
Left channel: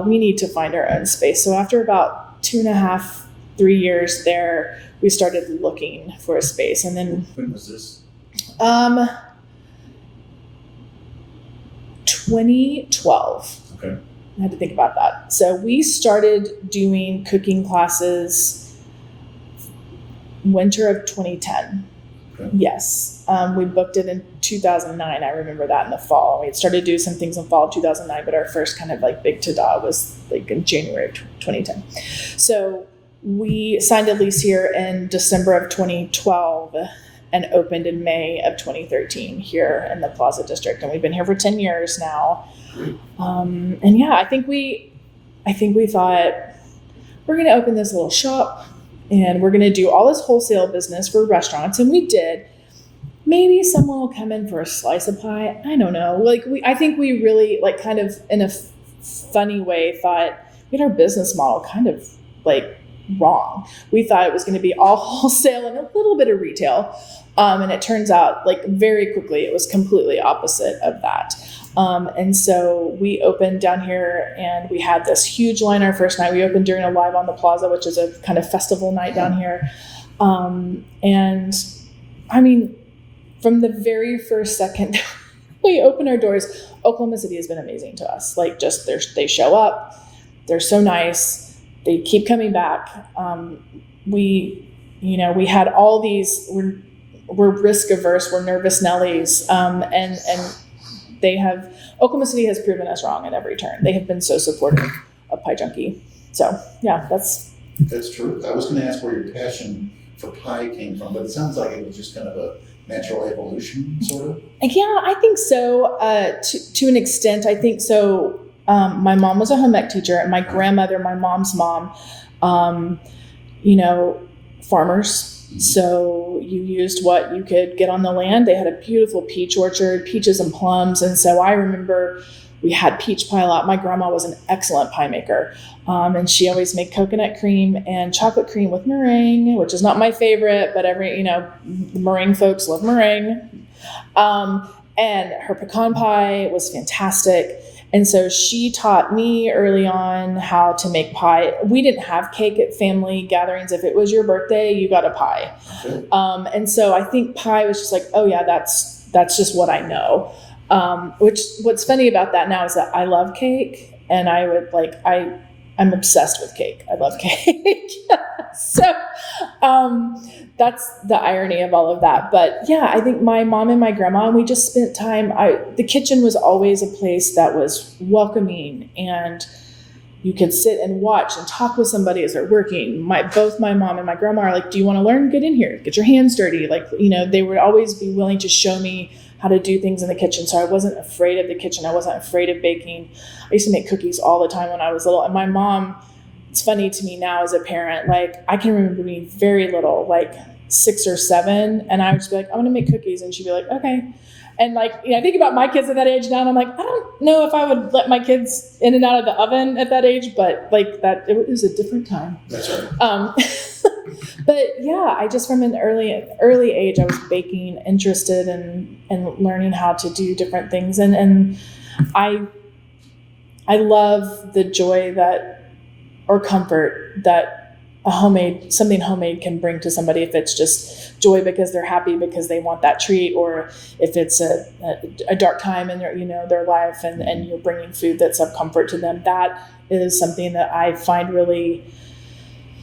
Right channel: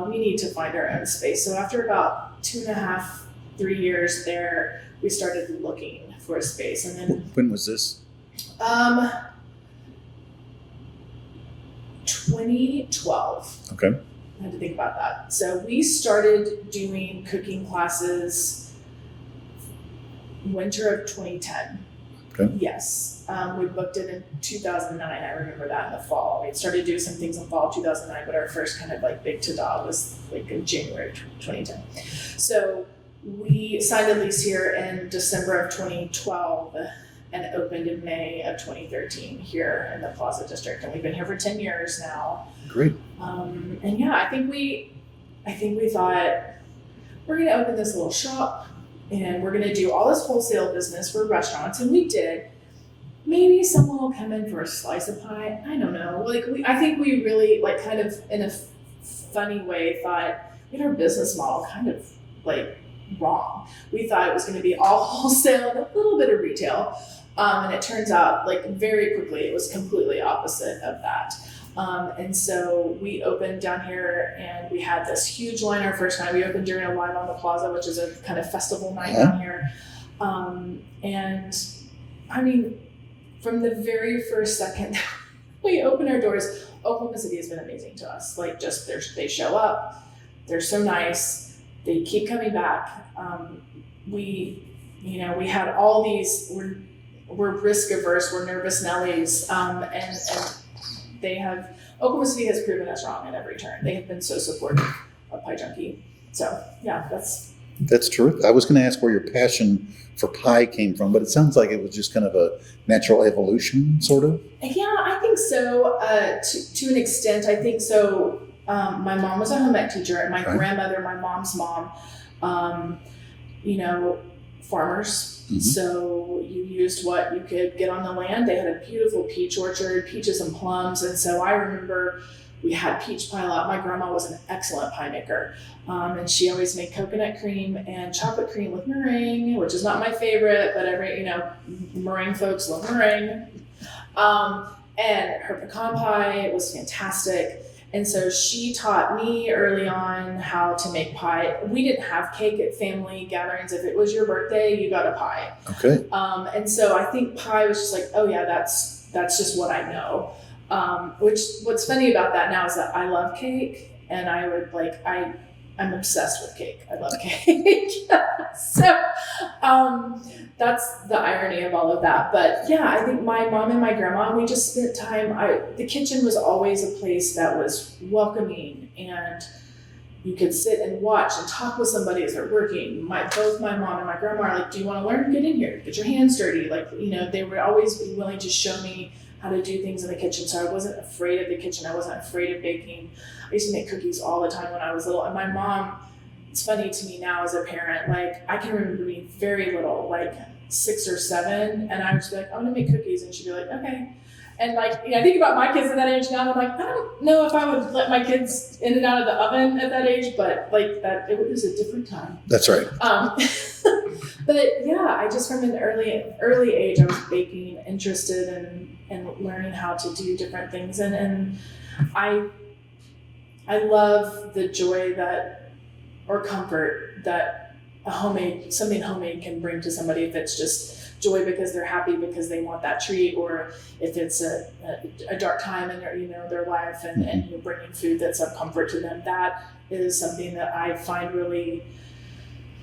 We need to find our own space. So after about 2.5, 3 years there, we started looking for a space. And then when was this? 2012. Okay. I had to think about that. So we started doing cooking classes winter of 2010. Okay. Yes. We booked it in 2009. I remember that in the fall. We had started to do some things in fall of 2009, but our first kind of like big ta-da was like in January of 2010. So we signed a lease here in December of 2012 and opened in May of 2013 here in the Plaza District. And we've been here for 10 years now. Great. And yeah, I think we thought we're going to open this little shop and we're going to do all this wholesale business for restaurants. And we did. Maybe someone will come in for a slice of pie. I don't know. I think we really like kind of in a funny way thought we had our business model kind of like wrong. We thought it was going to be all wholesale and a little bit of retail. And it turns out like very quickly, it was completely opposite of that. And so we opened down here and we had this huge line our first night. We opened during a Live on the Plaza, which is a kind of festival night down here. And I mean, from the very first second we opened our doors, Oklahoma City has been amazing to us. Like just they show up, they're so nice. They keep coming back. We had all these, we're risk averse, we're nervous Nellies. And Oklahoma City has proven us wrong at every turn. They have been so supportive of Pie Junkie. So yeah, that's true. I was going to ask where your passion for pie came from, but it sounds like it was just kind of a natural evolution, sort of. Yeah, I think so. To an extent, I think so. My mom was a home ec teacher, and my grandmother, my mom's mom, farmers. Mm-hmm. So you used what you could get on the land. They had a beautiful peach orchard, peaches and plums. And so I remember we had peach pie a lot. My grandma was an excellent pie maker. And she always made coconut cream and chocolate cream with meringue, which is not my favorite, but meringue folks love meringue. And her pecan pie was fantastic. And so she taught me early on how to make pie. We didn't have cake at family gatherings. If it was your birthday, you got a pie. Okay. And so I think pie was just like, oh yeah, that's just what I know. What's funny about that now is that I love cake, and I'm obsessed with cake. I love cake. So that's the irony of all of that. But yeah, I think my mom and my grandma, and we just spent time. The kitchen was always a place that was welcoming, and you could sit and watch and talk with somebody as they're working. Both my mom and my grandma are like, do you want to learn? Get in here, get your hands dirty. They would always be willing to show me how to do things in the kitchen. So I wasn't afraid of the kitchen. I wasn't afraid of baking. I used to make cookies all the time when I was little. And my mom, it's funny to me now as a parent, I can remember being very little, 6 or 7. And I would just be like, I'm going to make cookies. And she'd be like, okay. And I think about my kids at that age now, and I'm like, I don't know if I would let my kids in and out of the oven at that age, but that it was a different time. That's right. But yeah, I just from an early age, I was baking, interested in learning how to do different things. And I love the joy or comfort that something homemade can bring to somebody. If it's just joy because they're happy because they want that treat, or if it's a dark time in their life and you're bringing food that's of comfort to them, that is something that I find really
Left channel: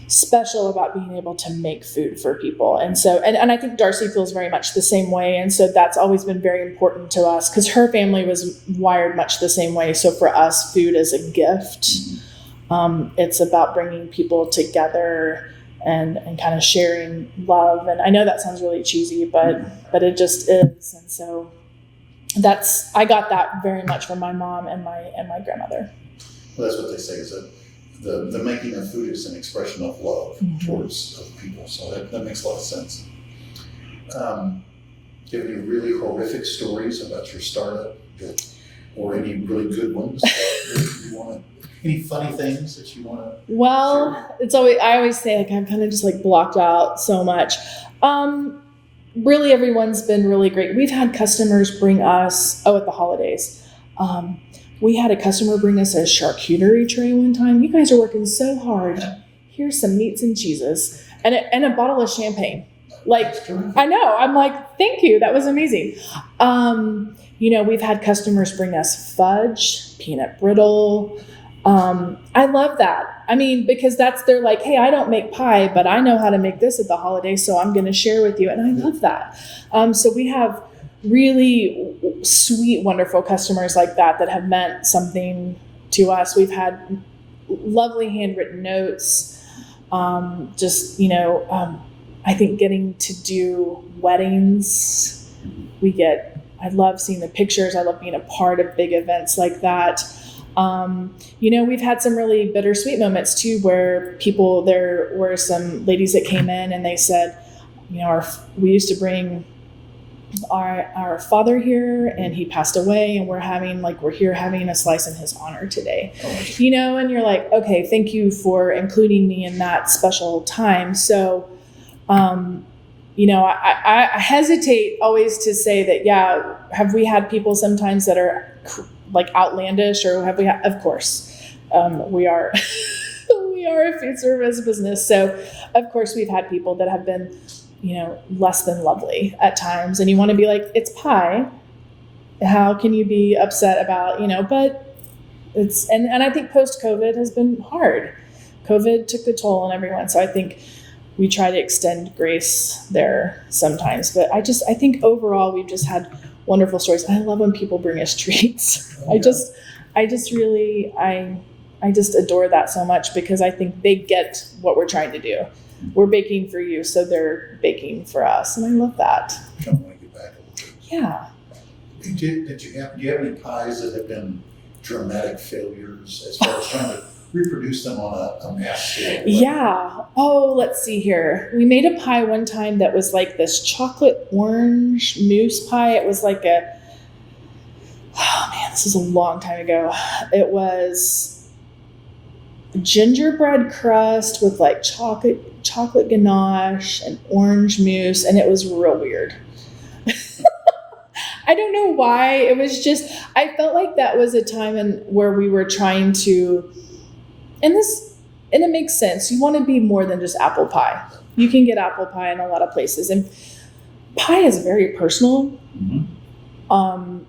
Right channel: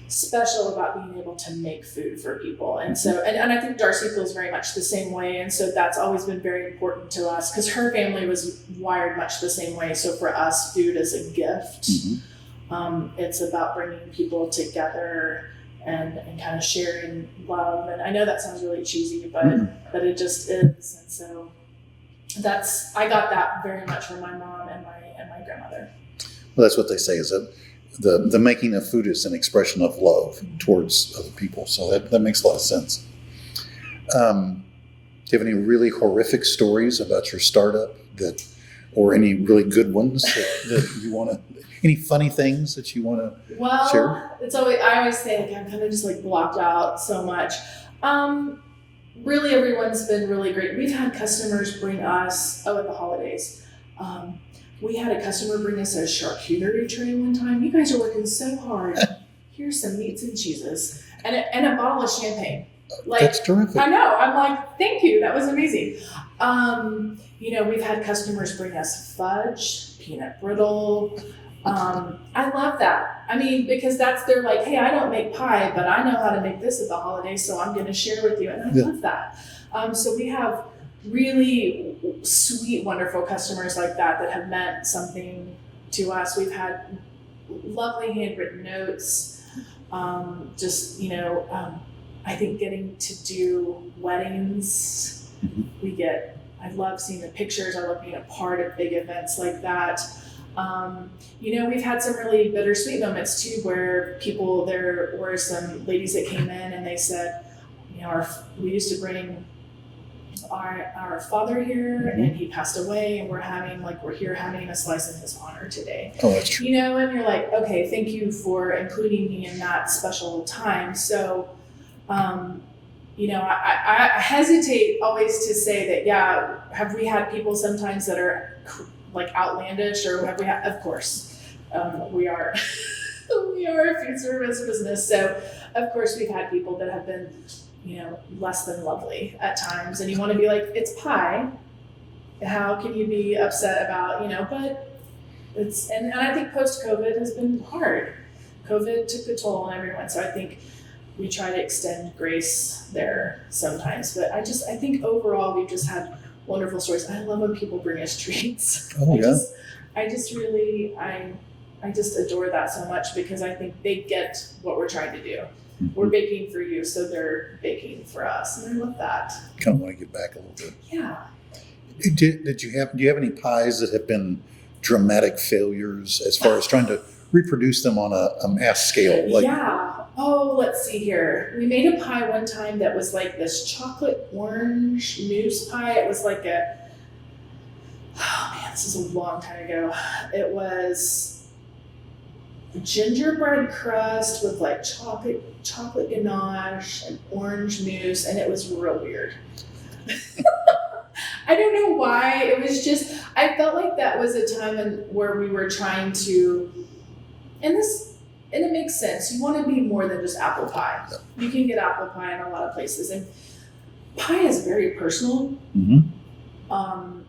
special about being able to make food for people. And so, and I think Darcy feels very much the same way. And so that's always been very important to us because her family was wired much the same way. So for us, food is a gift. Mm-hmm. It's about bringing people together and kind of sharing love. And I know that sounds really cheesy, but it just is. And so I got that very much from my mom and my grandmother. Well, that's what they say is that the making of food is an expression of love towards other people. So that makes a lot of sense. Do you have any really horrific stories about your startup or any really good ones that you want to, any funny things that you want to share? Well, I always say I'm kind of just blocked out so much. Really everyone's been really great. We've had customers bring us, at the holidays, we had a customer bring us a charcuterie tray one time. You guys are working so hard. Here's some meats and cheeses and a bottle of champagne. That's terrific. I know. I'm like, thank you. That was amazing. We've had customers bring us fudge, peanut brittle. I love that. I mean, because they're like, hey, I don't make pie, but I know how to make this at the holidays, so I'm going to share with you. And I love that. So we have really sweet, wonderful customers like that have meant something to us. We've had lovely handwritten notes. I think getting to do weddings, I love seeing the pictures. I love being a part of big events like that. We've had some really bittersweet moments too, where there were some ladies that came in and they said, we used to bring our father here and he passed away, and we're here having a slice in his honor today. Oh, that's true. And you're like, okay, thank you for including me in that special time. So, I hesitate always to say that, yeah, have we had people sometimes that are outlandish, or have we of course, we are a food service business. So of course we've had people that have been, less than lovely at times, and you want to be like, it's pie. How can you be upset about, but it's, and I think post-COVID has been hard. COVID took the toll on everyone. So I think we try to extend grace there sometimes, but I think overall we've just had wonderful stories. I love when people bring us treats. Oh, yeah. I just adore that so much, because I think they get what we're trying to do. We're baking for you, so they're baking for us, and I love that. Kind of want to get back a little bit. Yeah. Do you have any pies that have been dramatic failures as far as trying to reproduce them on a mass scale? Like, yeah. Oh, let's see here. We made a pie one time that was like this chocolate orange mousse pie. It was like oh man, this is a long time ago. It was gingerbread crust with like chocolate ganache and orange mousse, and it was real weird. I don't know why. It was just, I felt like that was a time where we were trying to, and it makes sense. You want to be more than just apple pie. You can get apple pie in a lot of places, and pie is very personal. Mm-hmm.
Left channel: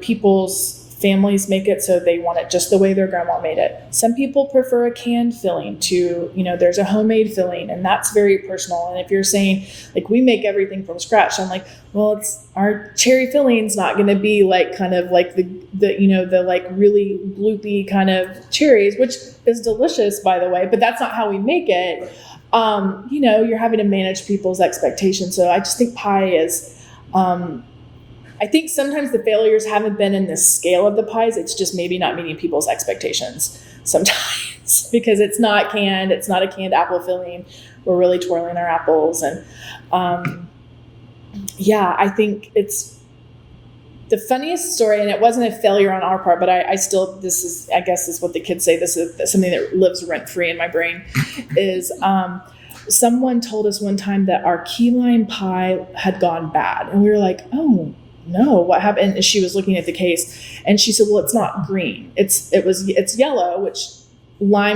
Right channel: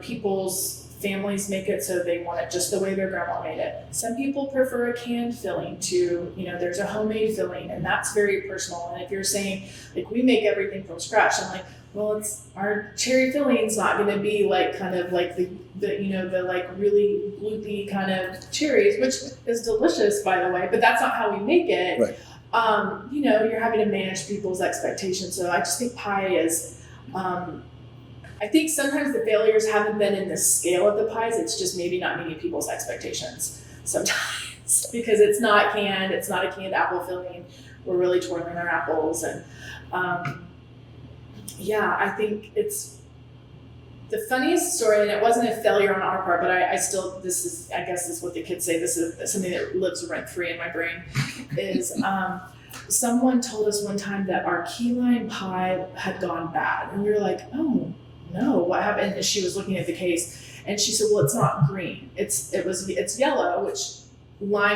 People's families make it so they want it just the way their grandma made it. Some people prefer a canned filling to, there's a homemade filling, and that's very personal. And if you're saying like we make everything from scratch, I'm like, well, it's our cherry filling's not going to be like kind of like the like really bloopy kind of cherries, which is delicious, by the way, but that's not how we make it. Right. You're having to manage people's expectations. So I just think pie is, I think sometimes the failures haven't been in the scale of the pies. It's just maybe not meeting people's expectations sometimes because it's not canned. It's not a canned apple filling. We're really twirling our apples. And I think it's the funniest story, and it wasn't a failure on our part, but I still, this is what the kids say. This is something that lives rent free in my brain is, someone told us one time that our key lime pie had gone bad. And we were like, oh no, what happened? And she was looking at the case and she said, well, it's not green. It's yellow, which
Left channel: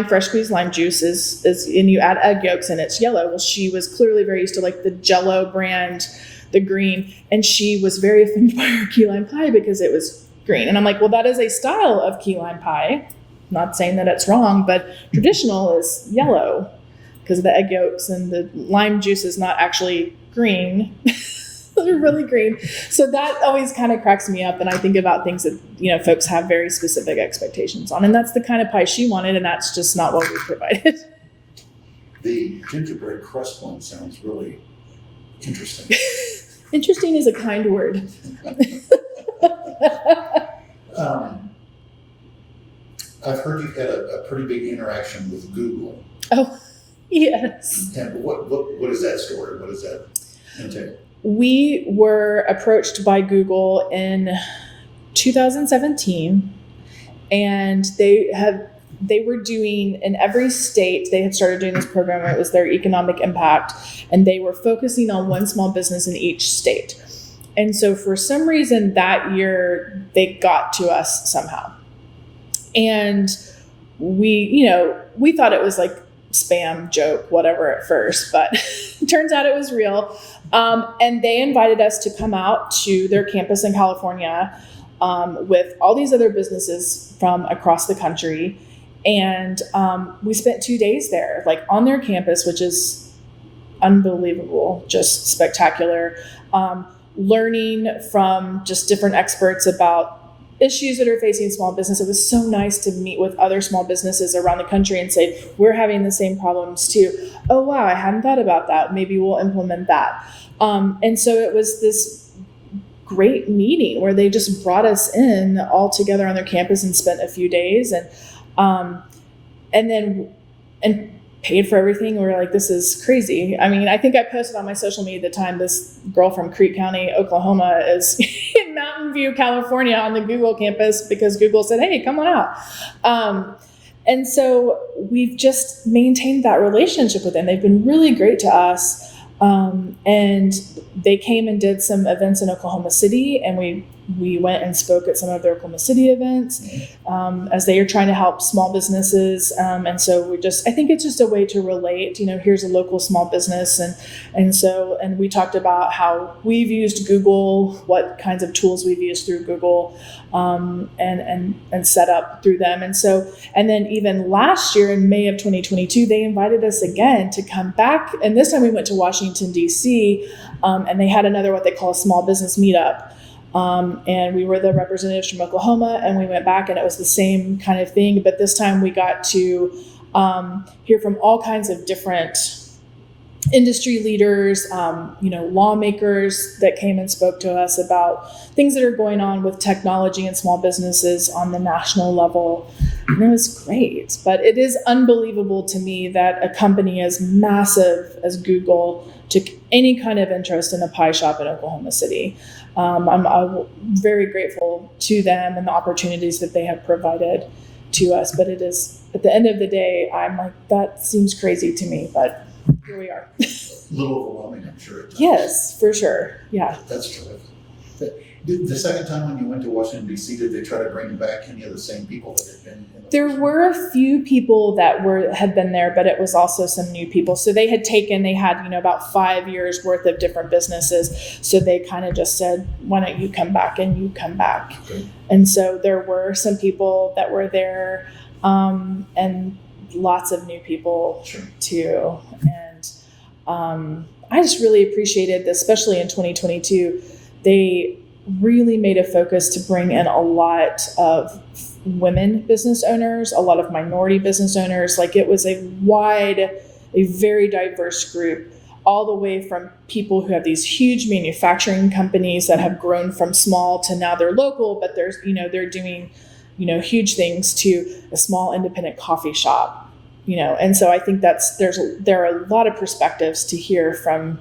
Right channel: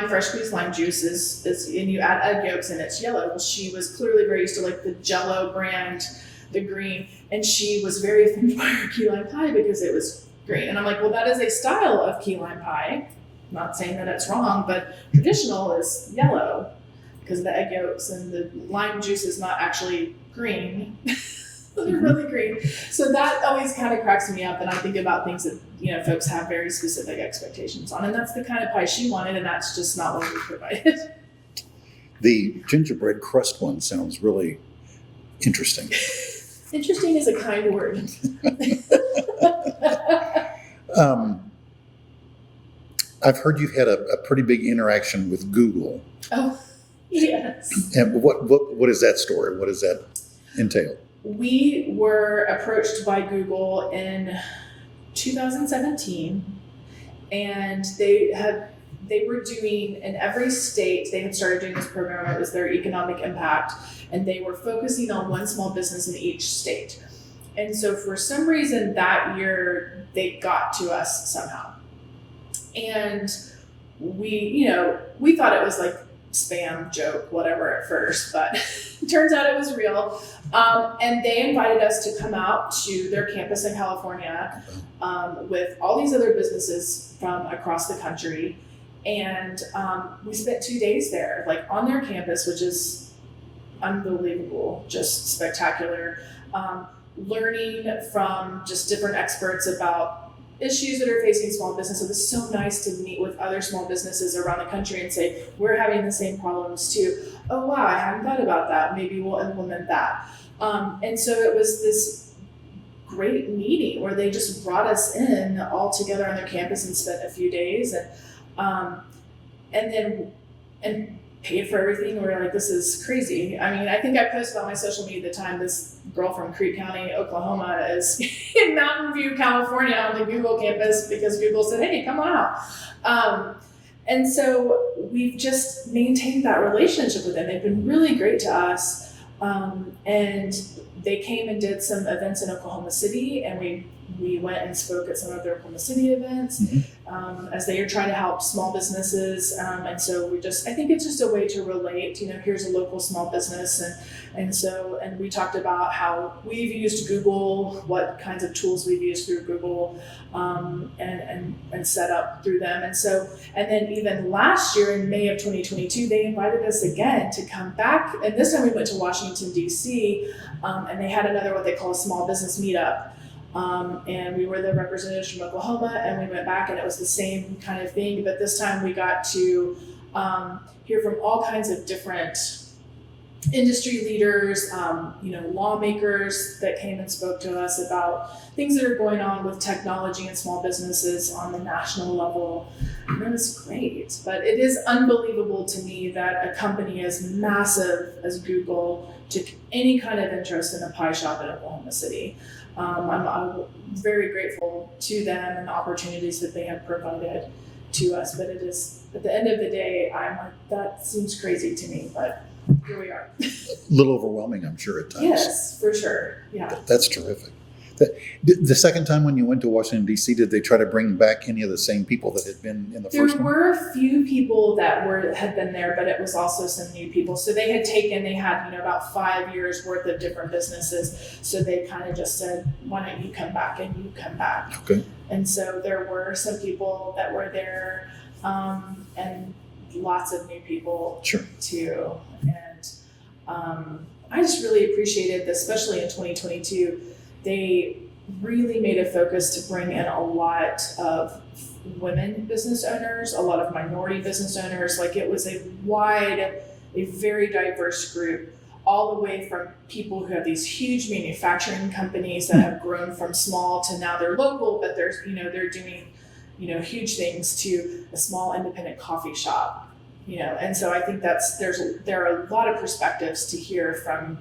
fresh squeezed lime juice is, and you add egg yolks and it's yellow. Well, she was clearly very used to like the Jell-O brand, the green. And she was very offended by her key lime pie because it was green. And I'm like, well, that is a style of key lime pie. Not saying that it's wrong, but traditional is yellow because of the egg yolks, and the lime juice is not actually green. They're really green. So that always kind of cracks me up. And I think about things that, folks have very specific expectations on. And that's the kind of pie she wanted. And that's just not what we provided. The gingerbread crust one sounds really interesting. Interesting is a kind word. I've heard you've had a pretty big interaction with Google. Oh, yes. And what is that story? What does that entail? We were approached by Google in 2017, and they were doing, in every state, they had started doing this program. It was their economic impact, and they were focusing on one small business in each state. And so for some reason that year, they got to us somehow. And we thought it was like spam joke, whatever at first, but it turns out it was real. And they invited us to come out to their campus in California with all these other businesses from across the country. And we spent 2 days there, like on their campus, which is unbelievable, just spectacular, learning from just different experts about issues that are facing small business. It was so nice to meet with other small businesses around the country and say, we're having the same problems too. Oh, wow, I hadn't thought about that. Maybe we'll implement that. And so it was this great meeting where they just brought us in all together on their campus and spent a few days and paid for everything. We were like, this is crazy. I mean, I think I posted on my social media at the time, this girl from Creek County, Oklahoma is in Mountain View, California on the Google campus because Google said, hey, come on out. And so we've just maintained that relationship with them. They've been really great to us. And they came and did some events in Oklahoma City, and we went and spoke at some of their Oklahoma City events, as they are trying to help small businesses. And so I think it's just a way to relate, here's a local small business. And we talked about how we've used Google, what kinds of tools we've used through Google, and set up through them. And then even last year in May of 2022, they invited us again to come back. And this time we went to Washington, DC, and they had another, what they call a small business meetup. And we were the representatives from Oklahoma, and we went back and it was the same kind of thing. But this time we got to hear from all kinds of different industry leaders, lawmakers that came and spoke to us about things that are going on with technology and small businesses on the national level. And it was great. But it is unbelievable to me that a company as massive as Google took any kind of interest in a pie shop in Oklahoma City. I'm very grateful to them and the opportunities that they have provided to us. But it is, at the end of the day, I'm like, that seems crazy to me, but here we are. A little overwhelming, I'm sure, at times. Yes, for sure. Yeah. That's terrific. The second time when you went to Washington, D.C., did they try to bring back any of the same people that had been in the There first one? were a few people that had been there, but it was also some new people. So they had about 5 years worth of different businesses. So they kind of just said, why don't you come back and you come back. Okay. And so there were some people that were there, and lots of new people too. And I just really appreciated this, especially in 2022. They really made a focus to bring in a lot of women business owners, a lot of minority business owners. Like, it was a very diverse group, all the way from people who have these huge manufacturing companies that have grown from small to now they're local, but they're doing, huge things, to a small independent coffee shop, And so I think there are a lot of perspectives to hear from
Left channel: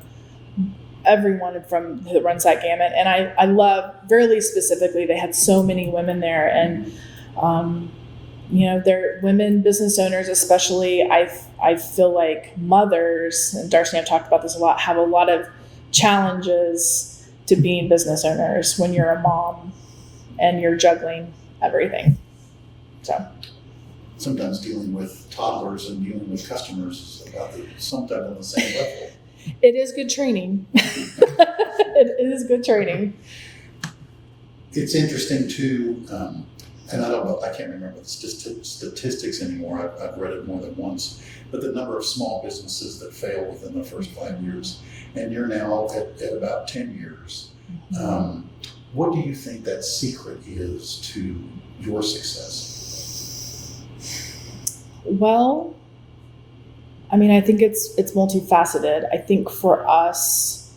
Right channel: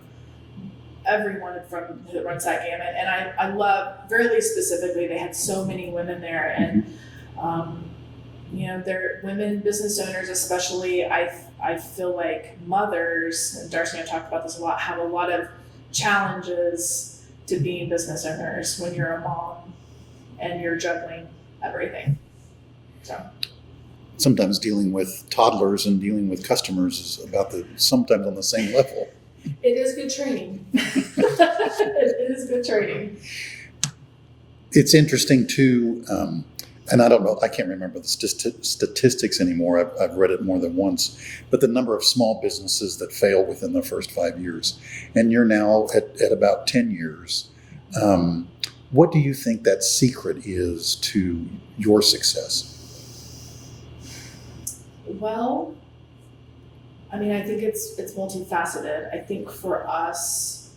everyone that runs that gamut. And I love, very specifically, they had so many women there, and they're women business owners, especially. I feel like mothers, and Darcy and I've talked about this a lot, have a lot of challenges to being business owners when you're a mom and you're juggling everything. So Sometimes dealing with toddlers and dealing with customers is sometimes on the same level. It is good training. It is good training. It's interesting too, and I don't know, I can't remember the statistics anymore. I've read it more than once, but the number of small businesses that fail within the first 5 years, and you're now at about 10 years. What do you think that secret is to your success? Well, I think it's multifaceted. I think for us,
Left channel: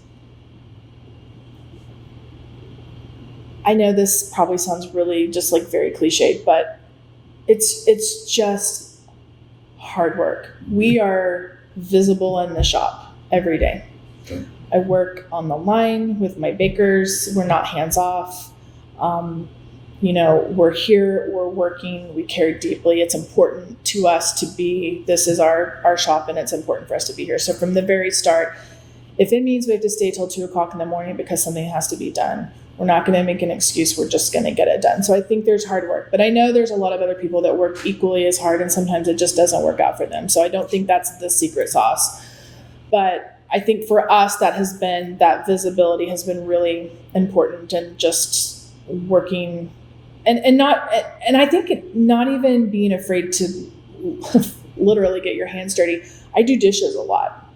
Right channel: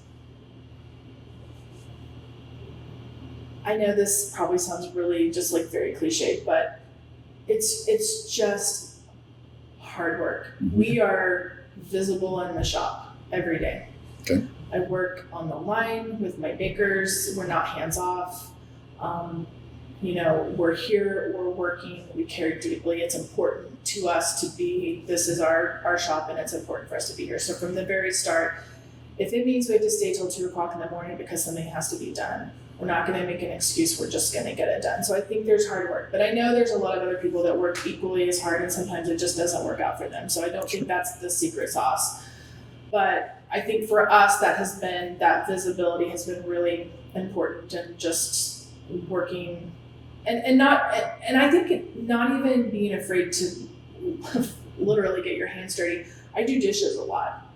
I know this probably sounds really just like very cliched, but it's just hard work. We are visible in the shop every day. Okay. I work on the line with my bakers. We're not hands off. We're here, we're working, we care deeply. It's important to us this is our shop, and it's important for us to be here. So from the very start, if it means we have to stay till 2:00 in the morning because something has to be done, we're not going to make an excuse. We're just going to get it done. So I think there's hard work, but I know there's a lot of other people that work equally as hard, and sometimes it just doesn't work out for them. So I don't think that's the secret sauce, but I think for us, that visibility has been really important, and just working and I think not even being afraid to literally get your hands dirty. I do dishes a lot.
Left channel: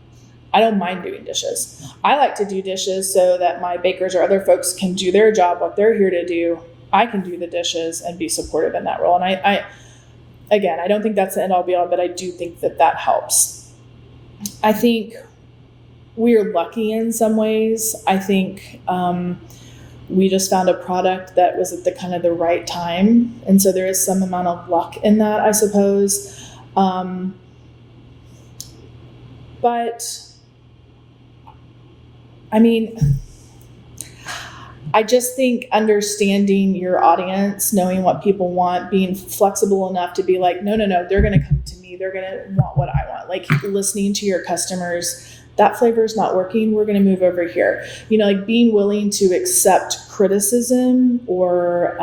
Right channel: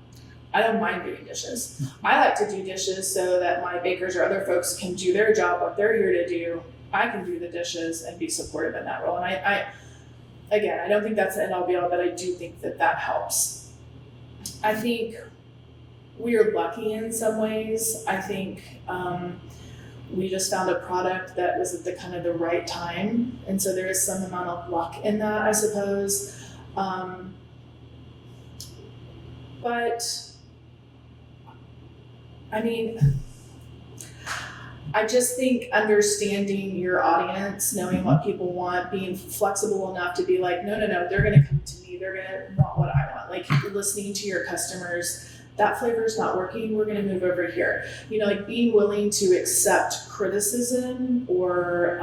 I don't mind doing dishes. I like to do dishes so that my bakers or other folks can do their job, what they're here to do. I can do the dishes and be supportive in that role. And I don't think that's the end all be all, but I do think that helps. I think we are lucky in some ways. I think we just found a product that was at the kind of the right time. And so there is some amount of luck in that, I suppose. But I just think understanding your audience, knowing what people want, being flexible enough to be like, no, they're going to come to me. They're going to want what I want. Like, listening to your customers. That flavor is not working. We're going to move over here. Being willing to accept criticism or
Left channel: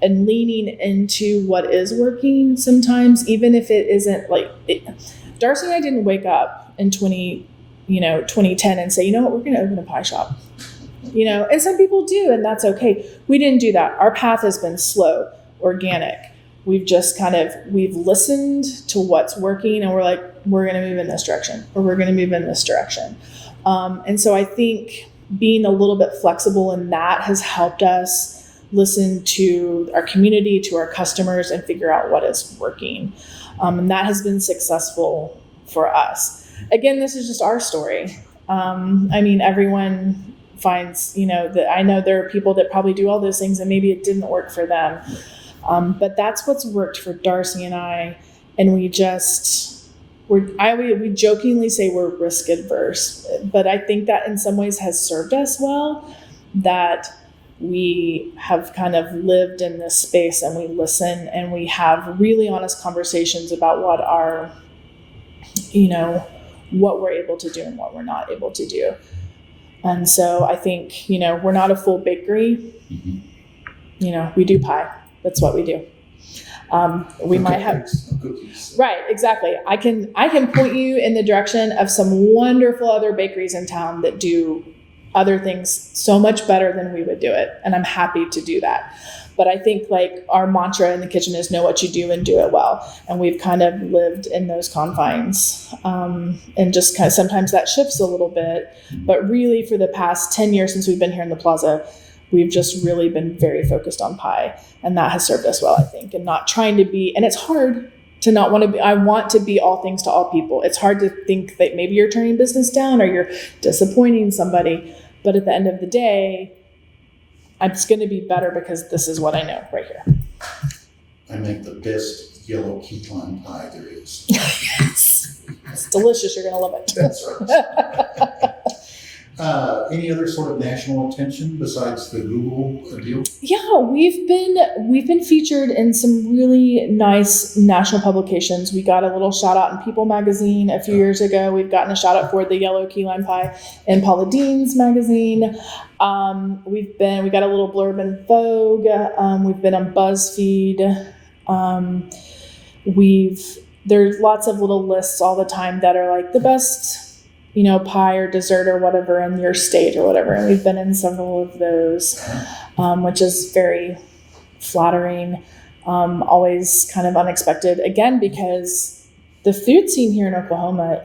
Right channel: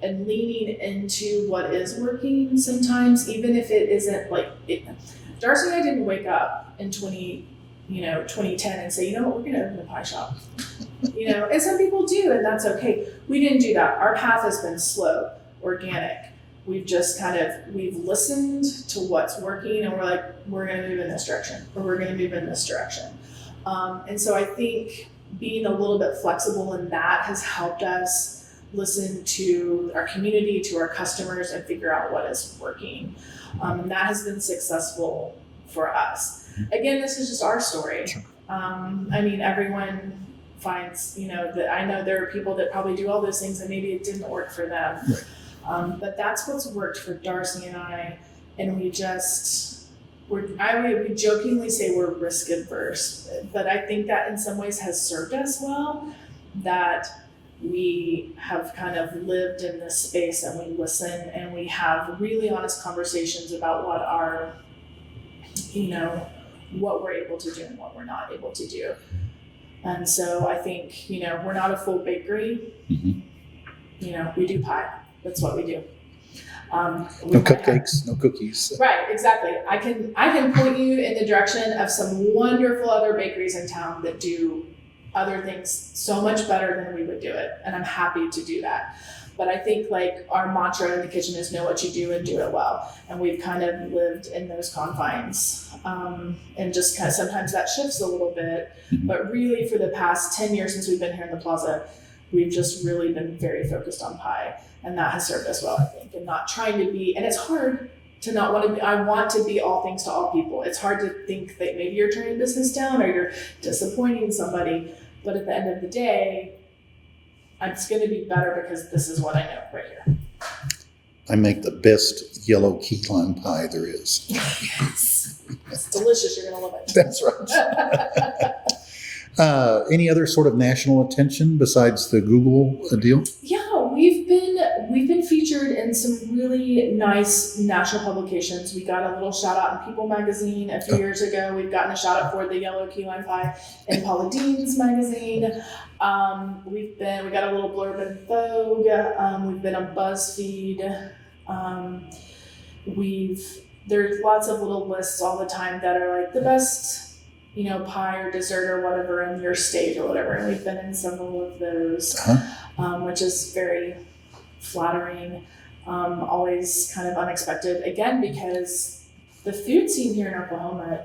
and leaning into what is working sometimes, even if it isn't Darcy and I didn't wake up in 2010 and say, you know what, we're going to open a pie shop. And some people do, and that's okay. We didn't do that. Our path has been slow, organic. We've just we've listened to what's working, and we're like, we're going to move in this direction, or we're going to move in this direction. And so I think being a little bit flexible in that has helped us listen to our community, to our customers, and figure out what is working. And that has been successful for us. Again, this is just our story. Everyone finds, that I know there are people that probably do all those things and maybe it didn't work for them. Right. But that's what's worked for Darcy and I. And we jokingly say we're risk adverse, but I think that in some ways has served us well, that we have kind of lived in this space and we listen and we have really honest conversations about what our, what we're able to do and what we're not able to do. And so I think, we're not a full bakery. Mm-hmm. We do pie. That's what we do. We might have no cookies. Right, exactly. I can point you in the direction of some wonderful other bakeries in town that do other things so much better than we would do it, and I'm happy to do that. But I think like our mantra in the kitchen is know what you do and do it well, and we've kind of lived in those confines, and just kind of sometimes that shifts a little bit. But really, for the past 10 years since we've been here in the plaza, we've just really been very focused on pie. And that has served us well, I think, and not trying to be, and it's hard to not want to be, I want to be all things to all people. It's hard to think that maybe you're turning business down or you're disappointing somebody. But at the end of the day, it's going to be better because this is what I know right here. I make the best yellow key lime pie there is. Yes. It's delicious. You're going to love it. That's right. Any other sort of national attention besides the Google deal? Yeah, we've been featured in some really nice national publications. We got a little shout out in People magazine a few years ago. We've gotten a shout out for the yellow key lime pie in Paula Deen's magazine. We got a little blurb in Vogue. We've been on BuzzFeed. There's lots of little lists all the time that are like the best, pie or dessert or whatever in your state or whatever. And we've been in several of those, which is very flattering. Always kind of unexpected, again, because the food scene here in Oklahoma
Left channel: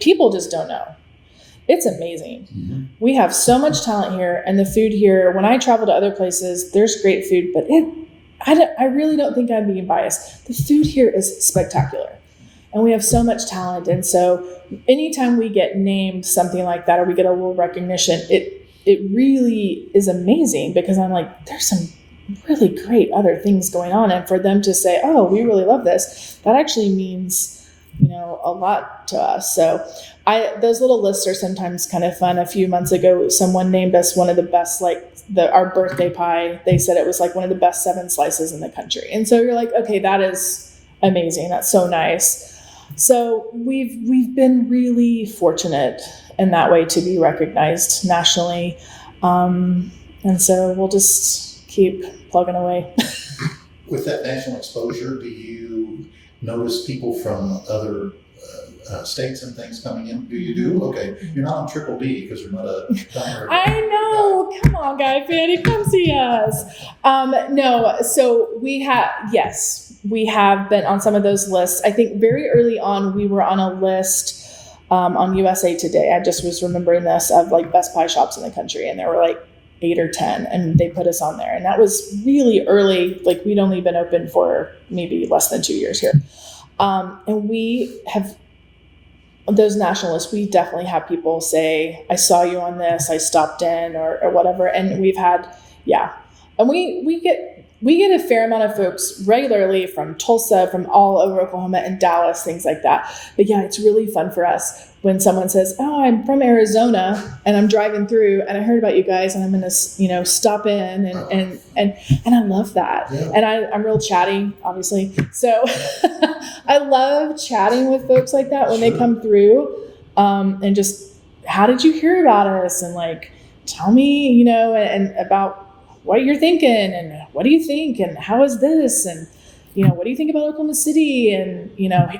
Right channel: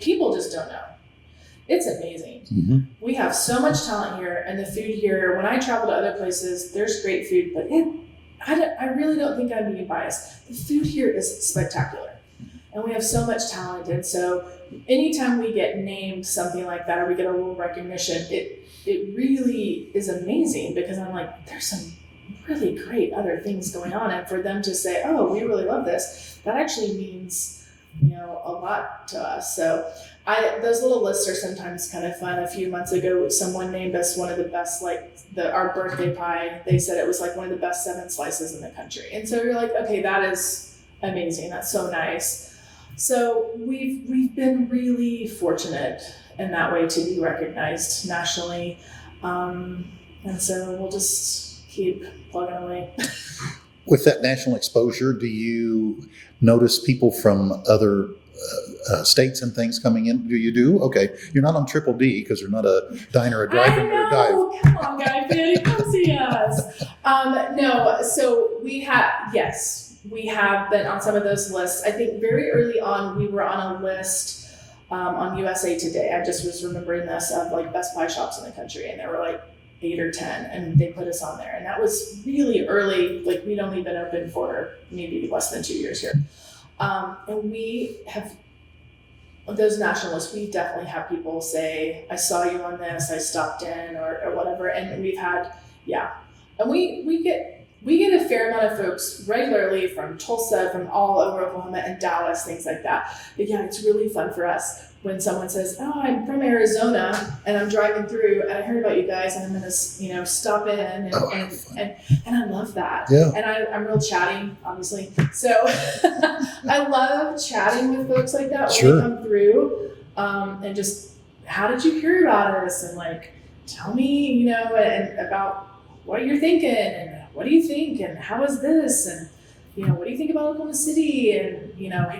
people just don't know. It's amazing. Mm-hmm. We have so much talent here, and the food here, when I travel to other places, there's great food, but I really don't think I'm being biased. The food here is spectacular. And we have so much talent. And so anytime we get named something like that, or we get a little recognition, it really is amazing, because I'm like, there's some really great other things going on. And for them to say, oh, we really love this, that actually means, a lot to us. So those little lists are sometimes kind of fun. A few months ago, someone named us one of the best, our birthday pie. They said it was like one of the best 7 slices in the country. And so you're like, okay, that is amazing. That's so nice. So we've been really fortunate in that way to be recognized nationally. And so we'll just keep plugging away. With that national exposure, do you notice people from other states and things coming in? Do you do? Okay. You're not on Triple D because you're not a diner, a drive-in, or a dive. Come on, Guy Fieri, come see us. No, so we have been on some of those lists. I think very early on, we were on a list on USA Today. I just was remembering this, of like best pie shops in the country. And there were like 8 or 10, and they put us on there. And that was really early. Like we'd only been open for maybe less than 2 years here. And we have those nationalists. We definitely have people say, I saw you on this, I stopped in or whatever. And we've had, and we get a fair amount of folks regularly from Tulsa, from all over Oklahoma and Dallas, things like that. But yeah, it's really fun for us when someone says, oh, I'm from Arizona and I'm driving through and I heard about you guys and I'm going to, stop in and I love that. Yeah. And I'm real chatty, obviously. So I love chatting with folks like that when they come through, and just, how did you hear about us? And like, tell me, and about what you're thinking and what do you think and how is this and what do you think about Oklahoma City and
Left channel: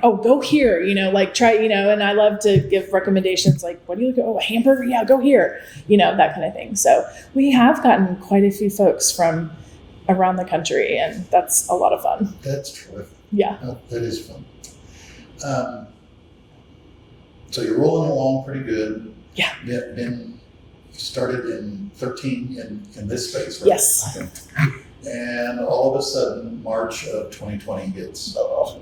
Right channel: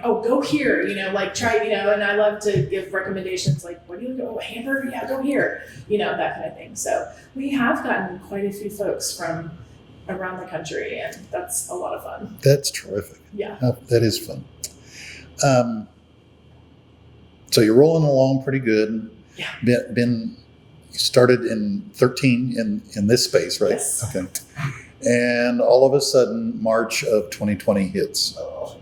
go here, try, and I love to give recommendations like, what do you look at? Oh, a hamburger, yeah, go here, that kind of thing. So we have gotten quite a few folks from around the country, and that's a lot of fun. That's terrific. Yeah. That is fun. So you're rolling along pretty good. Yeah. Been started in 13 in this space, right? Yes. Okay. And all of a sudden, March of 2020 hits. Oh.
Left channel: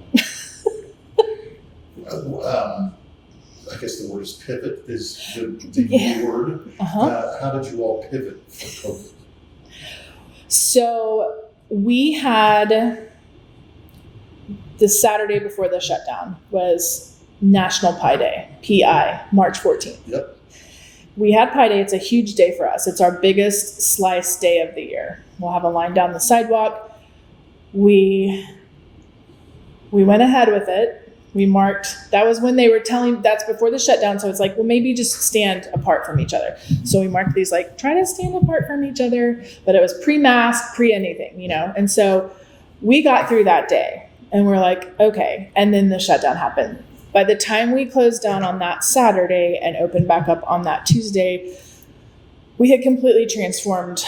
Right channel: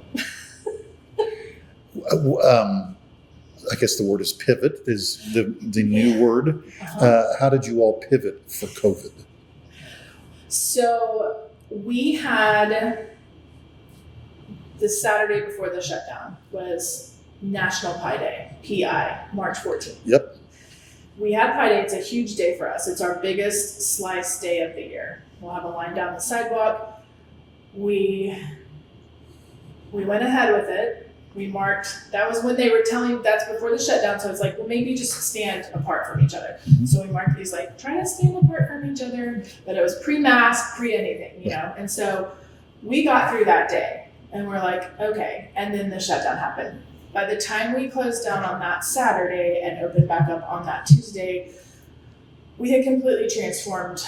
I guess the word is pivot is the new word. Uh-huh. How did you all pivot for COVID? So we had the Saturday before the shutdown was National Pie Day, PI, March 14th. Yep. We had Pie Day. It's a huge day for us. It's our biggest slice day of the year. We'll have a line down the sidewalk. We went ahead with it. We marked, that was when they were telling, that's before the shutdown. So it's like, well, maybe just stand apart from each other. So we marked these, like, try to stand apart from each other, but it was pre-mask, pre-anything, you know? And so we got through that day and we're like, okay. And then the shutdown happened. By the time we closed down on that Saturday and opened back up on that Tuesday, we had completely transformed.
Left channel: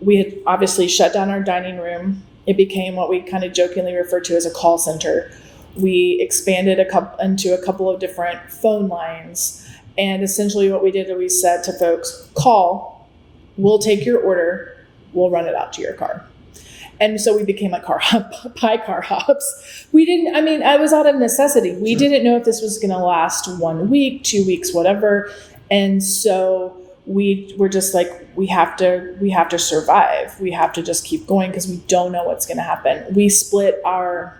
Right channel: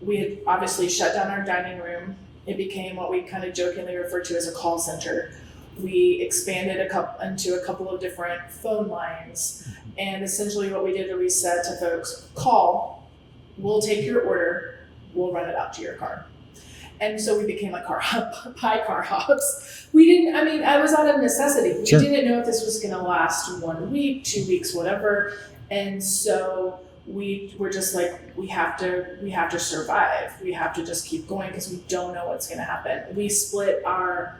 We had obviously shut down our dining room. It became what we kind of jokingly refer to as a call center. We expanded into a couple of different phone lines. And essentially what we did is we said to folks, call, we'll take your order, we'll run it out to your car. And so we became like pie car hops. I was out of necessity. We didn't know if this was going to last 1 week, 2 weeks, whatever. And so we were just like, we have to survive. We have to just keep going because we don't know what's going to happen. We split our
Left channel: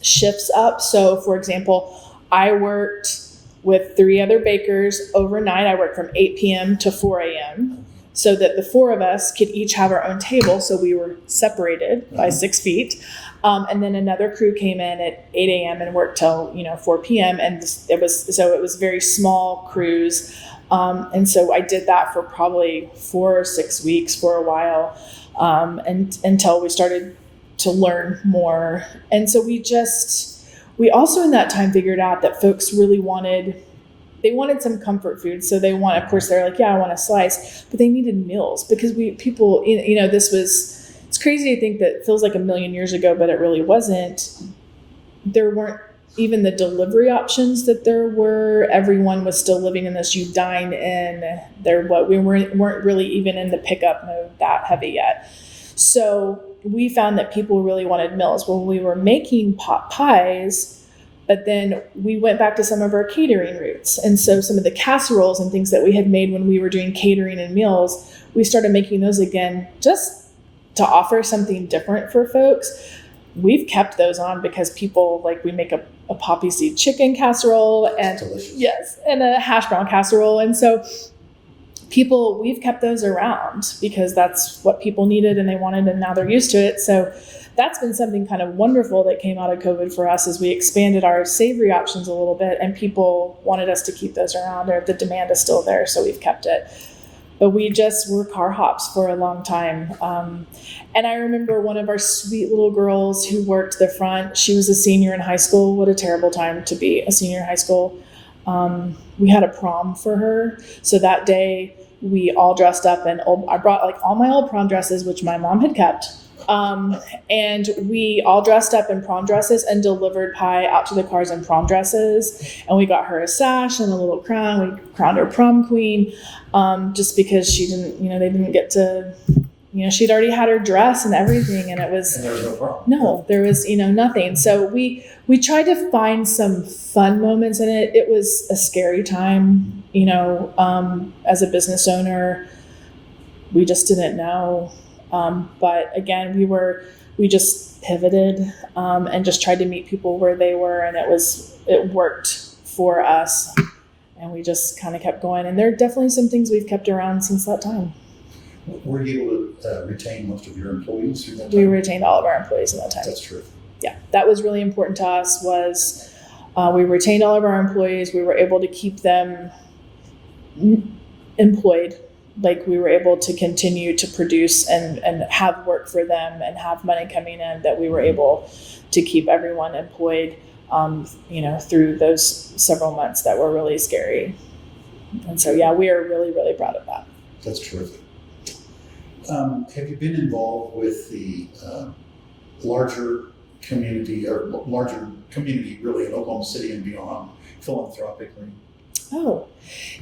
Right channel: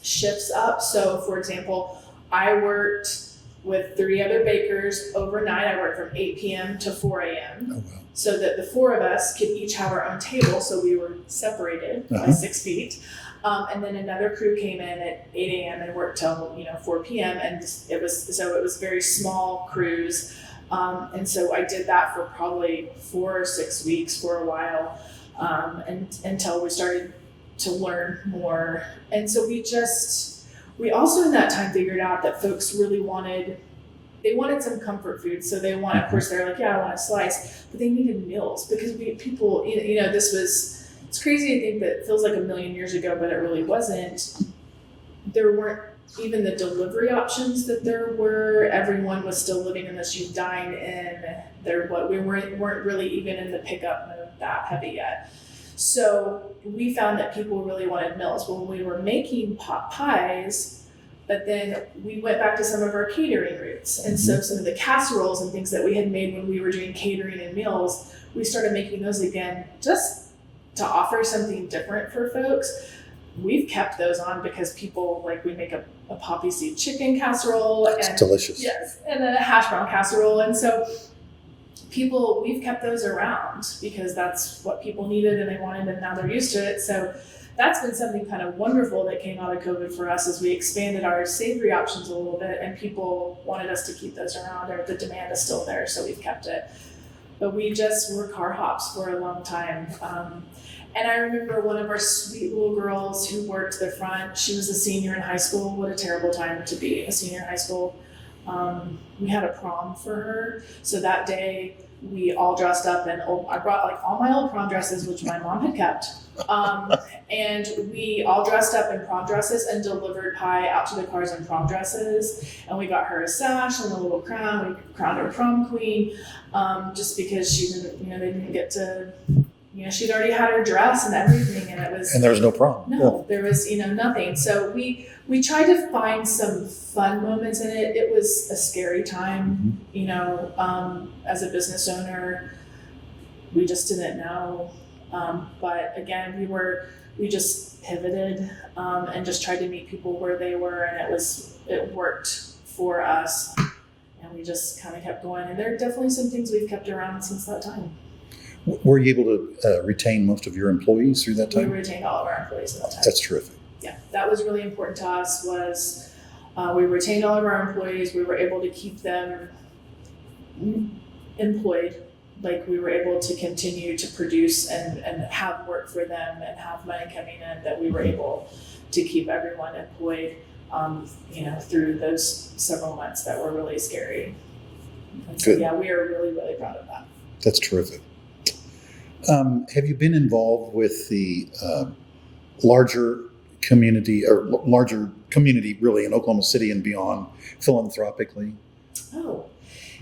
shifts up. So for example, I worked with 3 other bakers overnight. I worked from 8 p.m. to 4 a.m. So that the 4 of us could each have our own table. So we were separated by 6 feet. And then another crew came in at 8 a.m. and worked till 4 p.m. And it was very small crews. And so I did that for probably 4 or 6 weeks for a while, and until we started to learn more. And so we also in that time figured out that folks really wanted some comfort food. So they of course they're like, yeah, I want a slice, but they needed meals because it's crazy to think that it feels like a million years ago, but it really wasn't. There weren't even the delivery options that there were. Everyone was still living in this, you dine in there. We weren't really even in the pickup mode that heavy yet. So we found that people really wanted meals. Well, we were making pot pies, but then we went back to some of our catering roots. And so some of the casseroles and things that we had made when we were doing catering and meals, we started making those again, just to offer something different for folks. We've kept those on because people, like, we make a poppy seed chicken casserole. It's delicious. Yes. And a hash brown casserole. And so we've kept those around because that's what people needed and they wanted, and now they're used to it. So that's been something kind of wonderful that came out of COVID for us, as we expanded our savory options a little bit and people wanted us to keep those around, or the demand is still there. So we've kept it. But we just were car hops for a long time. And I remember one of our sweet little girls who worked the front, she was a senior in high school. What a terrible time to be a senior in high school. We had a prom for her. So that day we all dressed up I brought like all my old prom dresses, which my mom had kept. And we all dressed up in prom dresses and delivered pie out to the cars in prom dresses. And we got her a sash and a little crown. We crowned her prom queen, just because she didn't, they didn't get to, she'd already had her dress and everything. And there was no problem. No, there was, nothing. So we tried to find some fun moments in it. It was a scary time, as a business owner, we just didn't know. But again, we just pivoted, and just tried to meet people where they were, and it worked for us, and we just kind of kept going. And there are definitely some things we've kept around since that time. Were you able to retain most of your employees through that time? We retained all of our employees in that time. That's terrific. Yeah, that was really important to us. We retained all of our employees. We were able to keep them employed. Like, we were able to continue to produce and have work for them and have money coming in, that we were able to keep everyone employed, through those several months that were really scary. And so, yeah, we are really, really proud of that. That's terrific. Have you been involved with the larger community really in Oklahoma City and beyond philanthropically? Oh,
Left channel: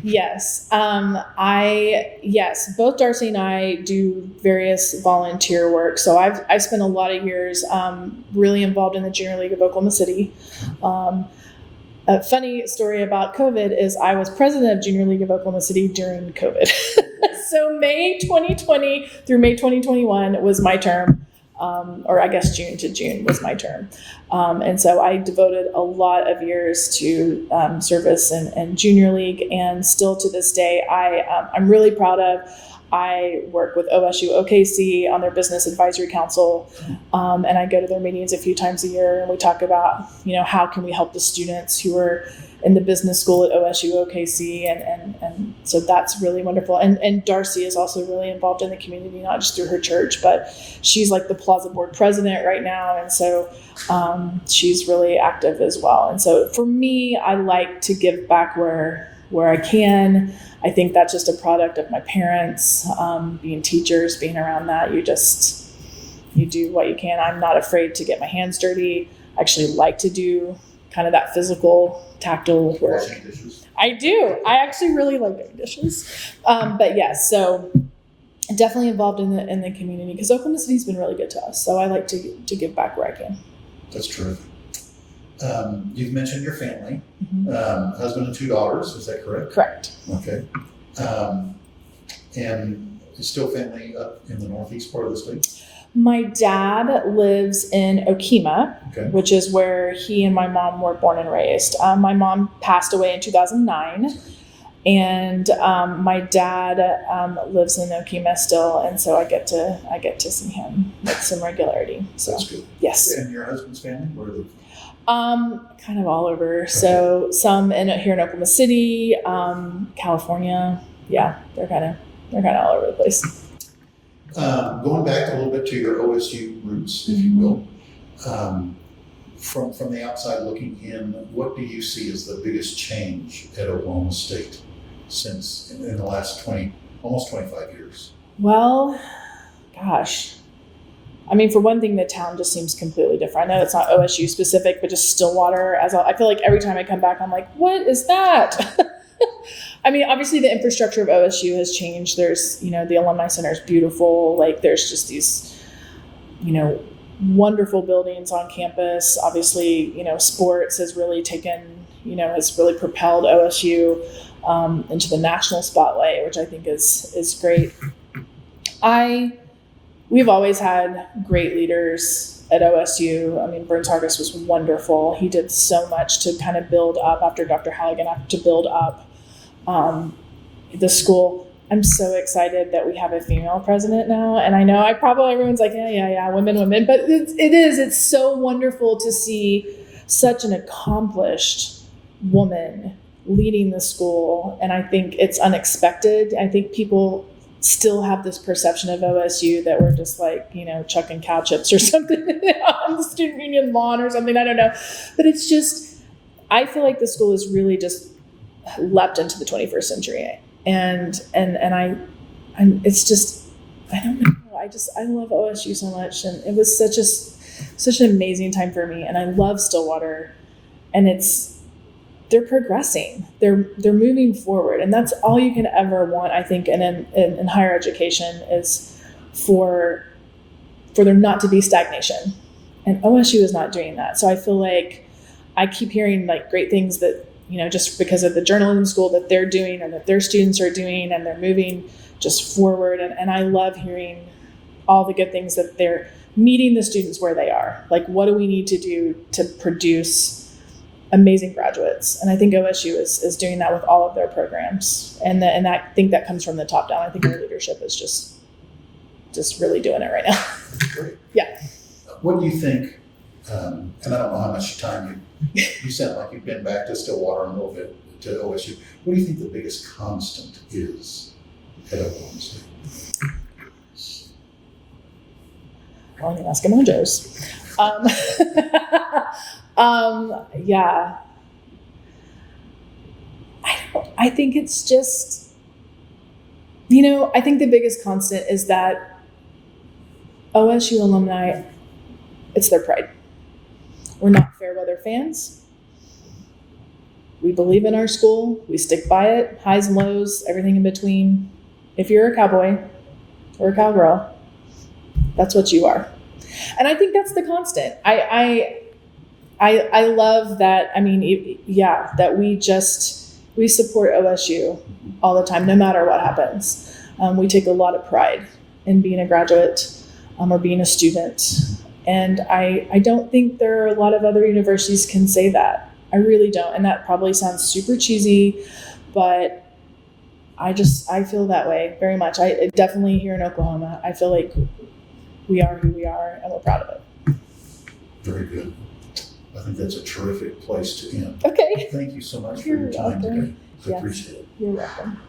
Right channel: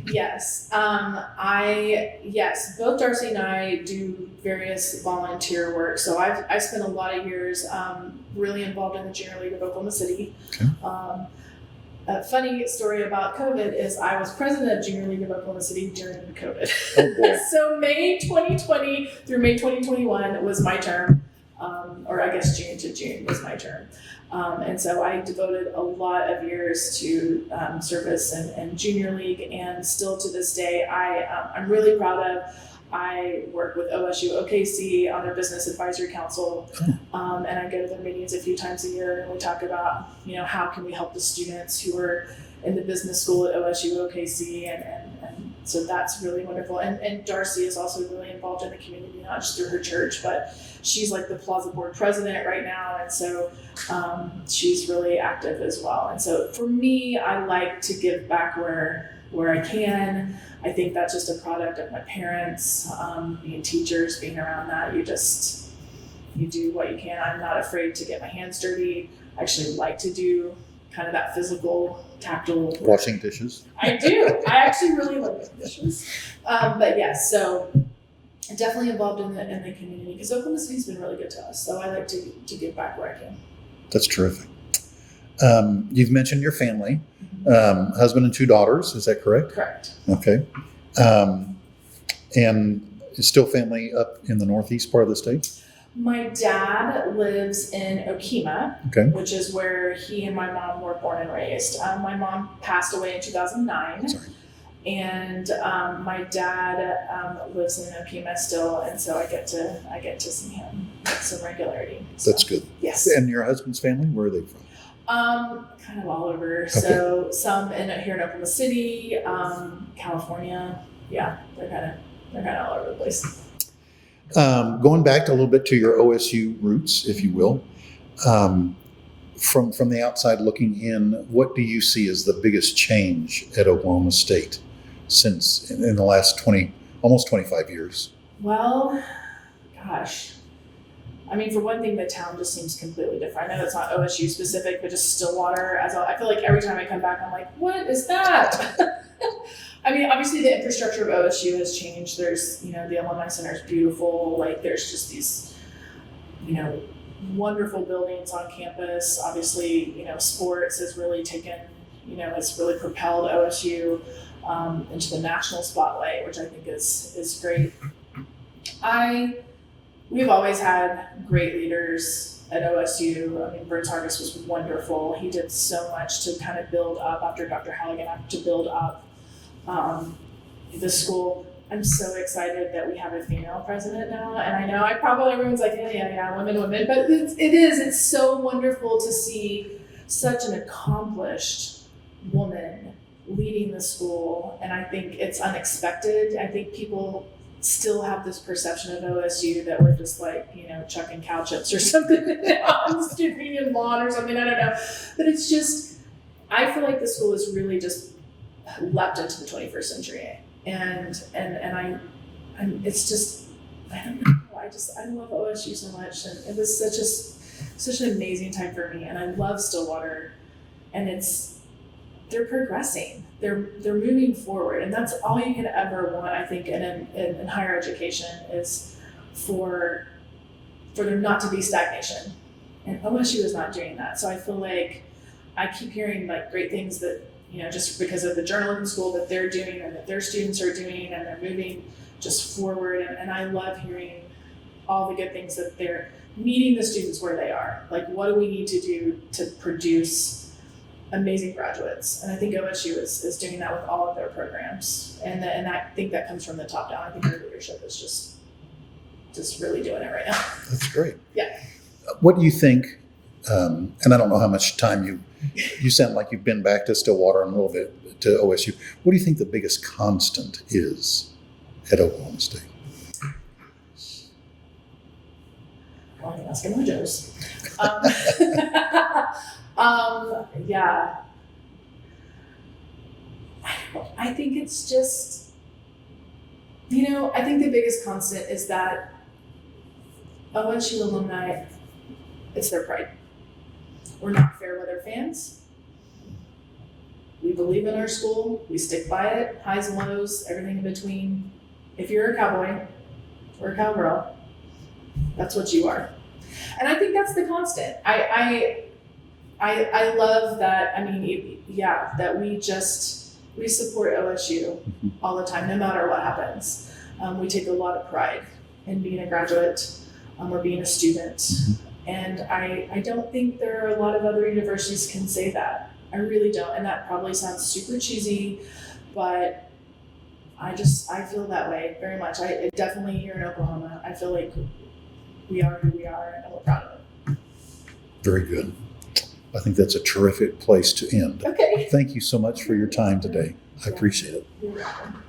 yes. Both Darcy and I do various volunteer work. So I spent a lot of years really involved in the Junior League of Oklahoma City. Okay. A funny story about COVID is I was president of Junior League of Oklahoma City during COVID. Oh, so May 2020 through May 2021 was my term. or I guess June to June was my term. And so I devoted a lot of years to service and junior league, and still to this day, I'm really proud of. I work with OSU OKC on their business advisory council, and I go to their meetings a few times a year, and we talk about, how can we help the students who are in the business school at OSU OKC, and so that's really wonderful. And Darcy is also really involved in the community, not just through her church, but she's like the Plaza Board president right now, and so she's really active as well. And so for me, I like to give back where I can. I think that's just a product of my parents, being teachers, being around that. You do what you can. I'm not afraid to get my hands dirty. I actually like to do kind of that physical, tactile work. Washing dishes. I do. I actually really like doing dishes. But yes, so definitely involved in the community, because Oklahoma City's been really good to us. So I like to give back where I can. That's terrific. You've mentioned your family, husband and 2 daughters. Is that correct? Correct. Okay. And is still family up in the northeast part of the state? My dad lives in Okemah, Okay. which is where he and my mom were born and raised. My mom passed away in 2009. Sorry. And my dad lives in Okemah still, and so I get to see him with some regularity. So, That's good. Yes. And your husband's family, where are they from? Kind of all over. Okay. So some here in Oklahoma City, California. Yeah, they're kind of all over the place. Going back a little bit to your OSU roots, if you will, from the outside looking in, what do you see as the biggest change at Oklahoma State since in the last almost 25 years? Well, gosh. I mean, for one thing, the town just seems completely different. I know it's not OSU specific, but just Stillwater. I feel like every time I come back, I'm like, what is that? I mean, obviously the infrastructure of OSU has changed. There's, the alumni center is beautiful. Like there's just these, wonderful buildings on campus. Obviously, sports has really has really propelled OSU into the national spotlight, which I think is great. We've always had great leaders at OSU. I mean, Burns Hargis was wonderful. He did so much to kind of build up after Dr. Halligan, to build up the school. I'm so excited that we have a female president now. And I know everyone's like, yeah, women. But it's so wonderful to see such an accomplished woman leading the school. And I think it's unexpected. I think people still have this perception of OSU that we're just like, chucking cow chips or something on the student union lawn or something. I don't know. But it's just, I feel like the school has really just leapt into the 21st century. And it's just, I don't know. I love OSU so much. And it was such an amazing time for me. And I love Stillwater, and they're progressing. They're moving forward, and that's all you can ever want, I think, in higher education, is for there not to be stagnation. And OSU is not doing that. So I feel like I keep hearing like great things that, just because of the journalism school that they're doing and that their students are doing, and they're moving just forward. And I love hearing all the good things that they're meeting the students where they are. Like, what do we need to do to produce amazing graduates? And I think OSU is doing that with all of their programs. And I think that comes from the top down. I think our leadership is just really doing it right now. That's great. Yeah. What do you think, and I don't know how much time you sound like you've been back to Stillwater and a little bit to OSU. What do you think the biggest constant is at Oklahoma State? Well, I can ask Eskimo-Joes. Yeah. I think it's just, I think the biggest constant is that OSU alumni, it's their pride. We're not fair weather fans. We believe in our school. We stick by it. Highs and lows, everything in between. If you're a cowboy or a cowgirl, that's what you are. And I think that's the constant. I love that. I mean, that we support OSU all the time, no matter what happens. We take a lot of pride in being a graduate. or being a student. And I don't think there are a lot of other universities can say that. I really don't. And that probably sounds super cheesy, but I feel that way very much. I definitely here in Oklahoma, I feel like we are who we are and we're proud of it. Very good. I think that's a terrific place to end. Okay. Thank you so much for your time today. I appreciate it. You're welcome.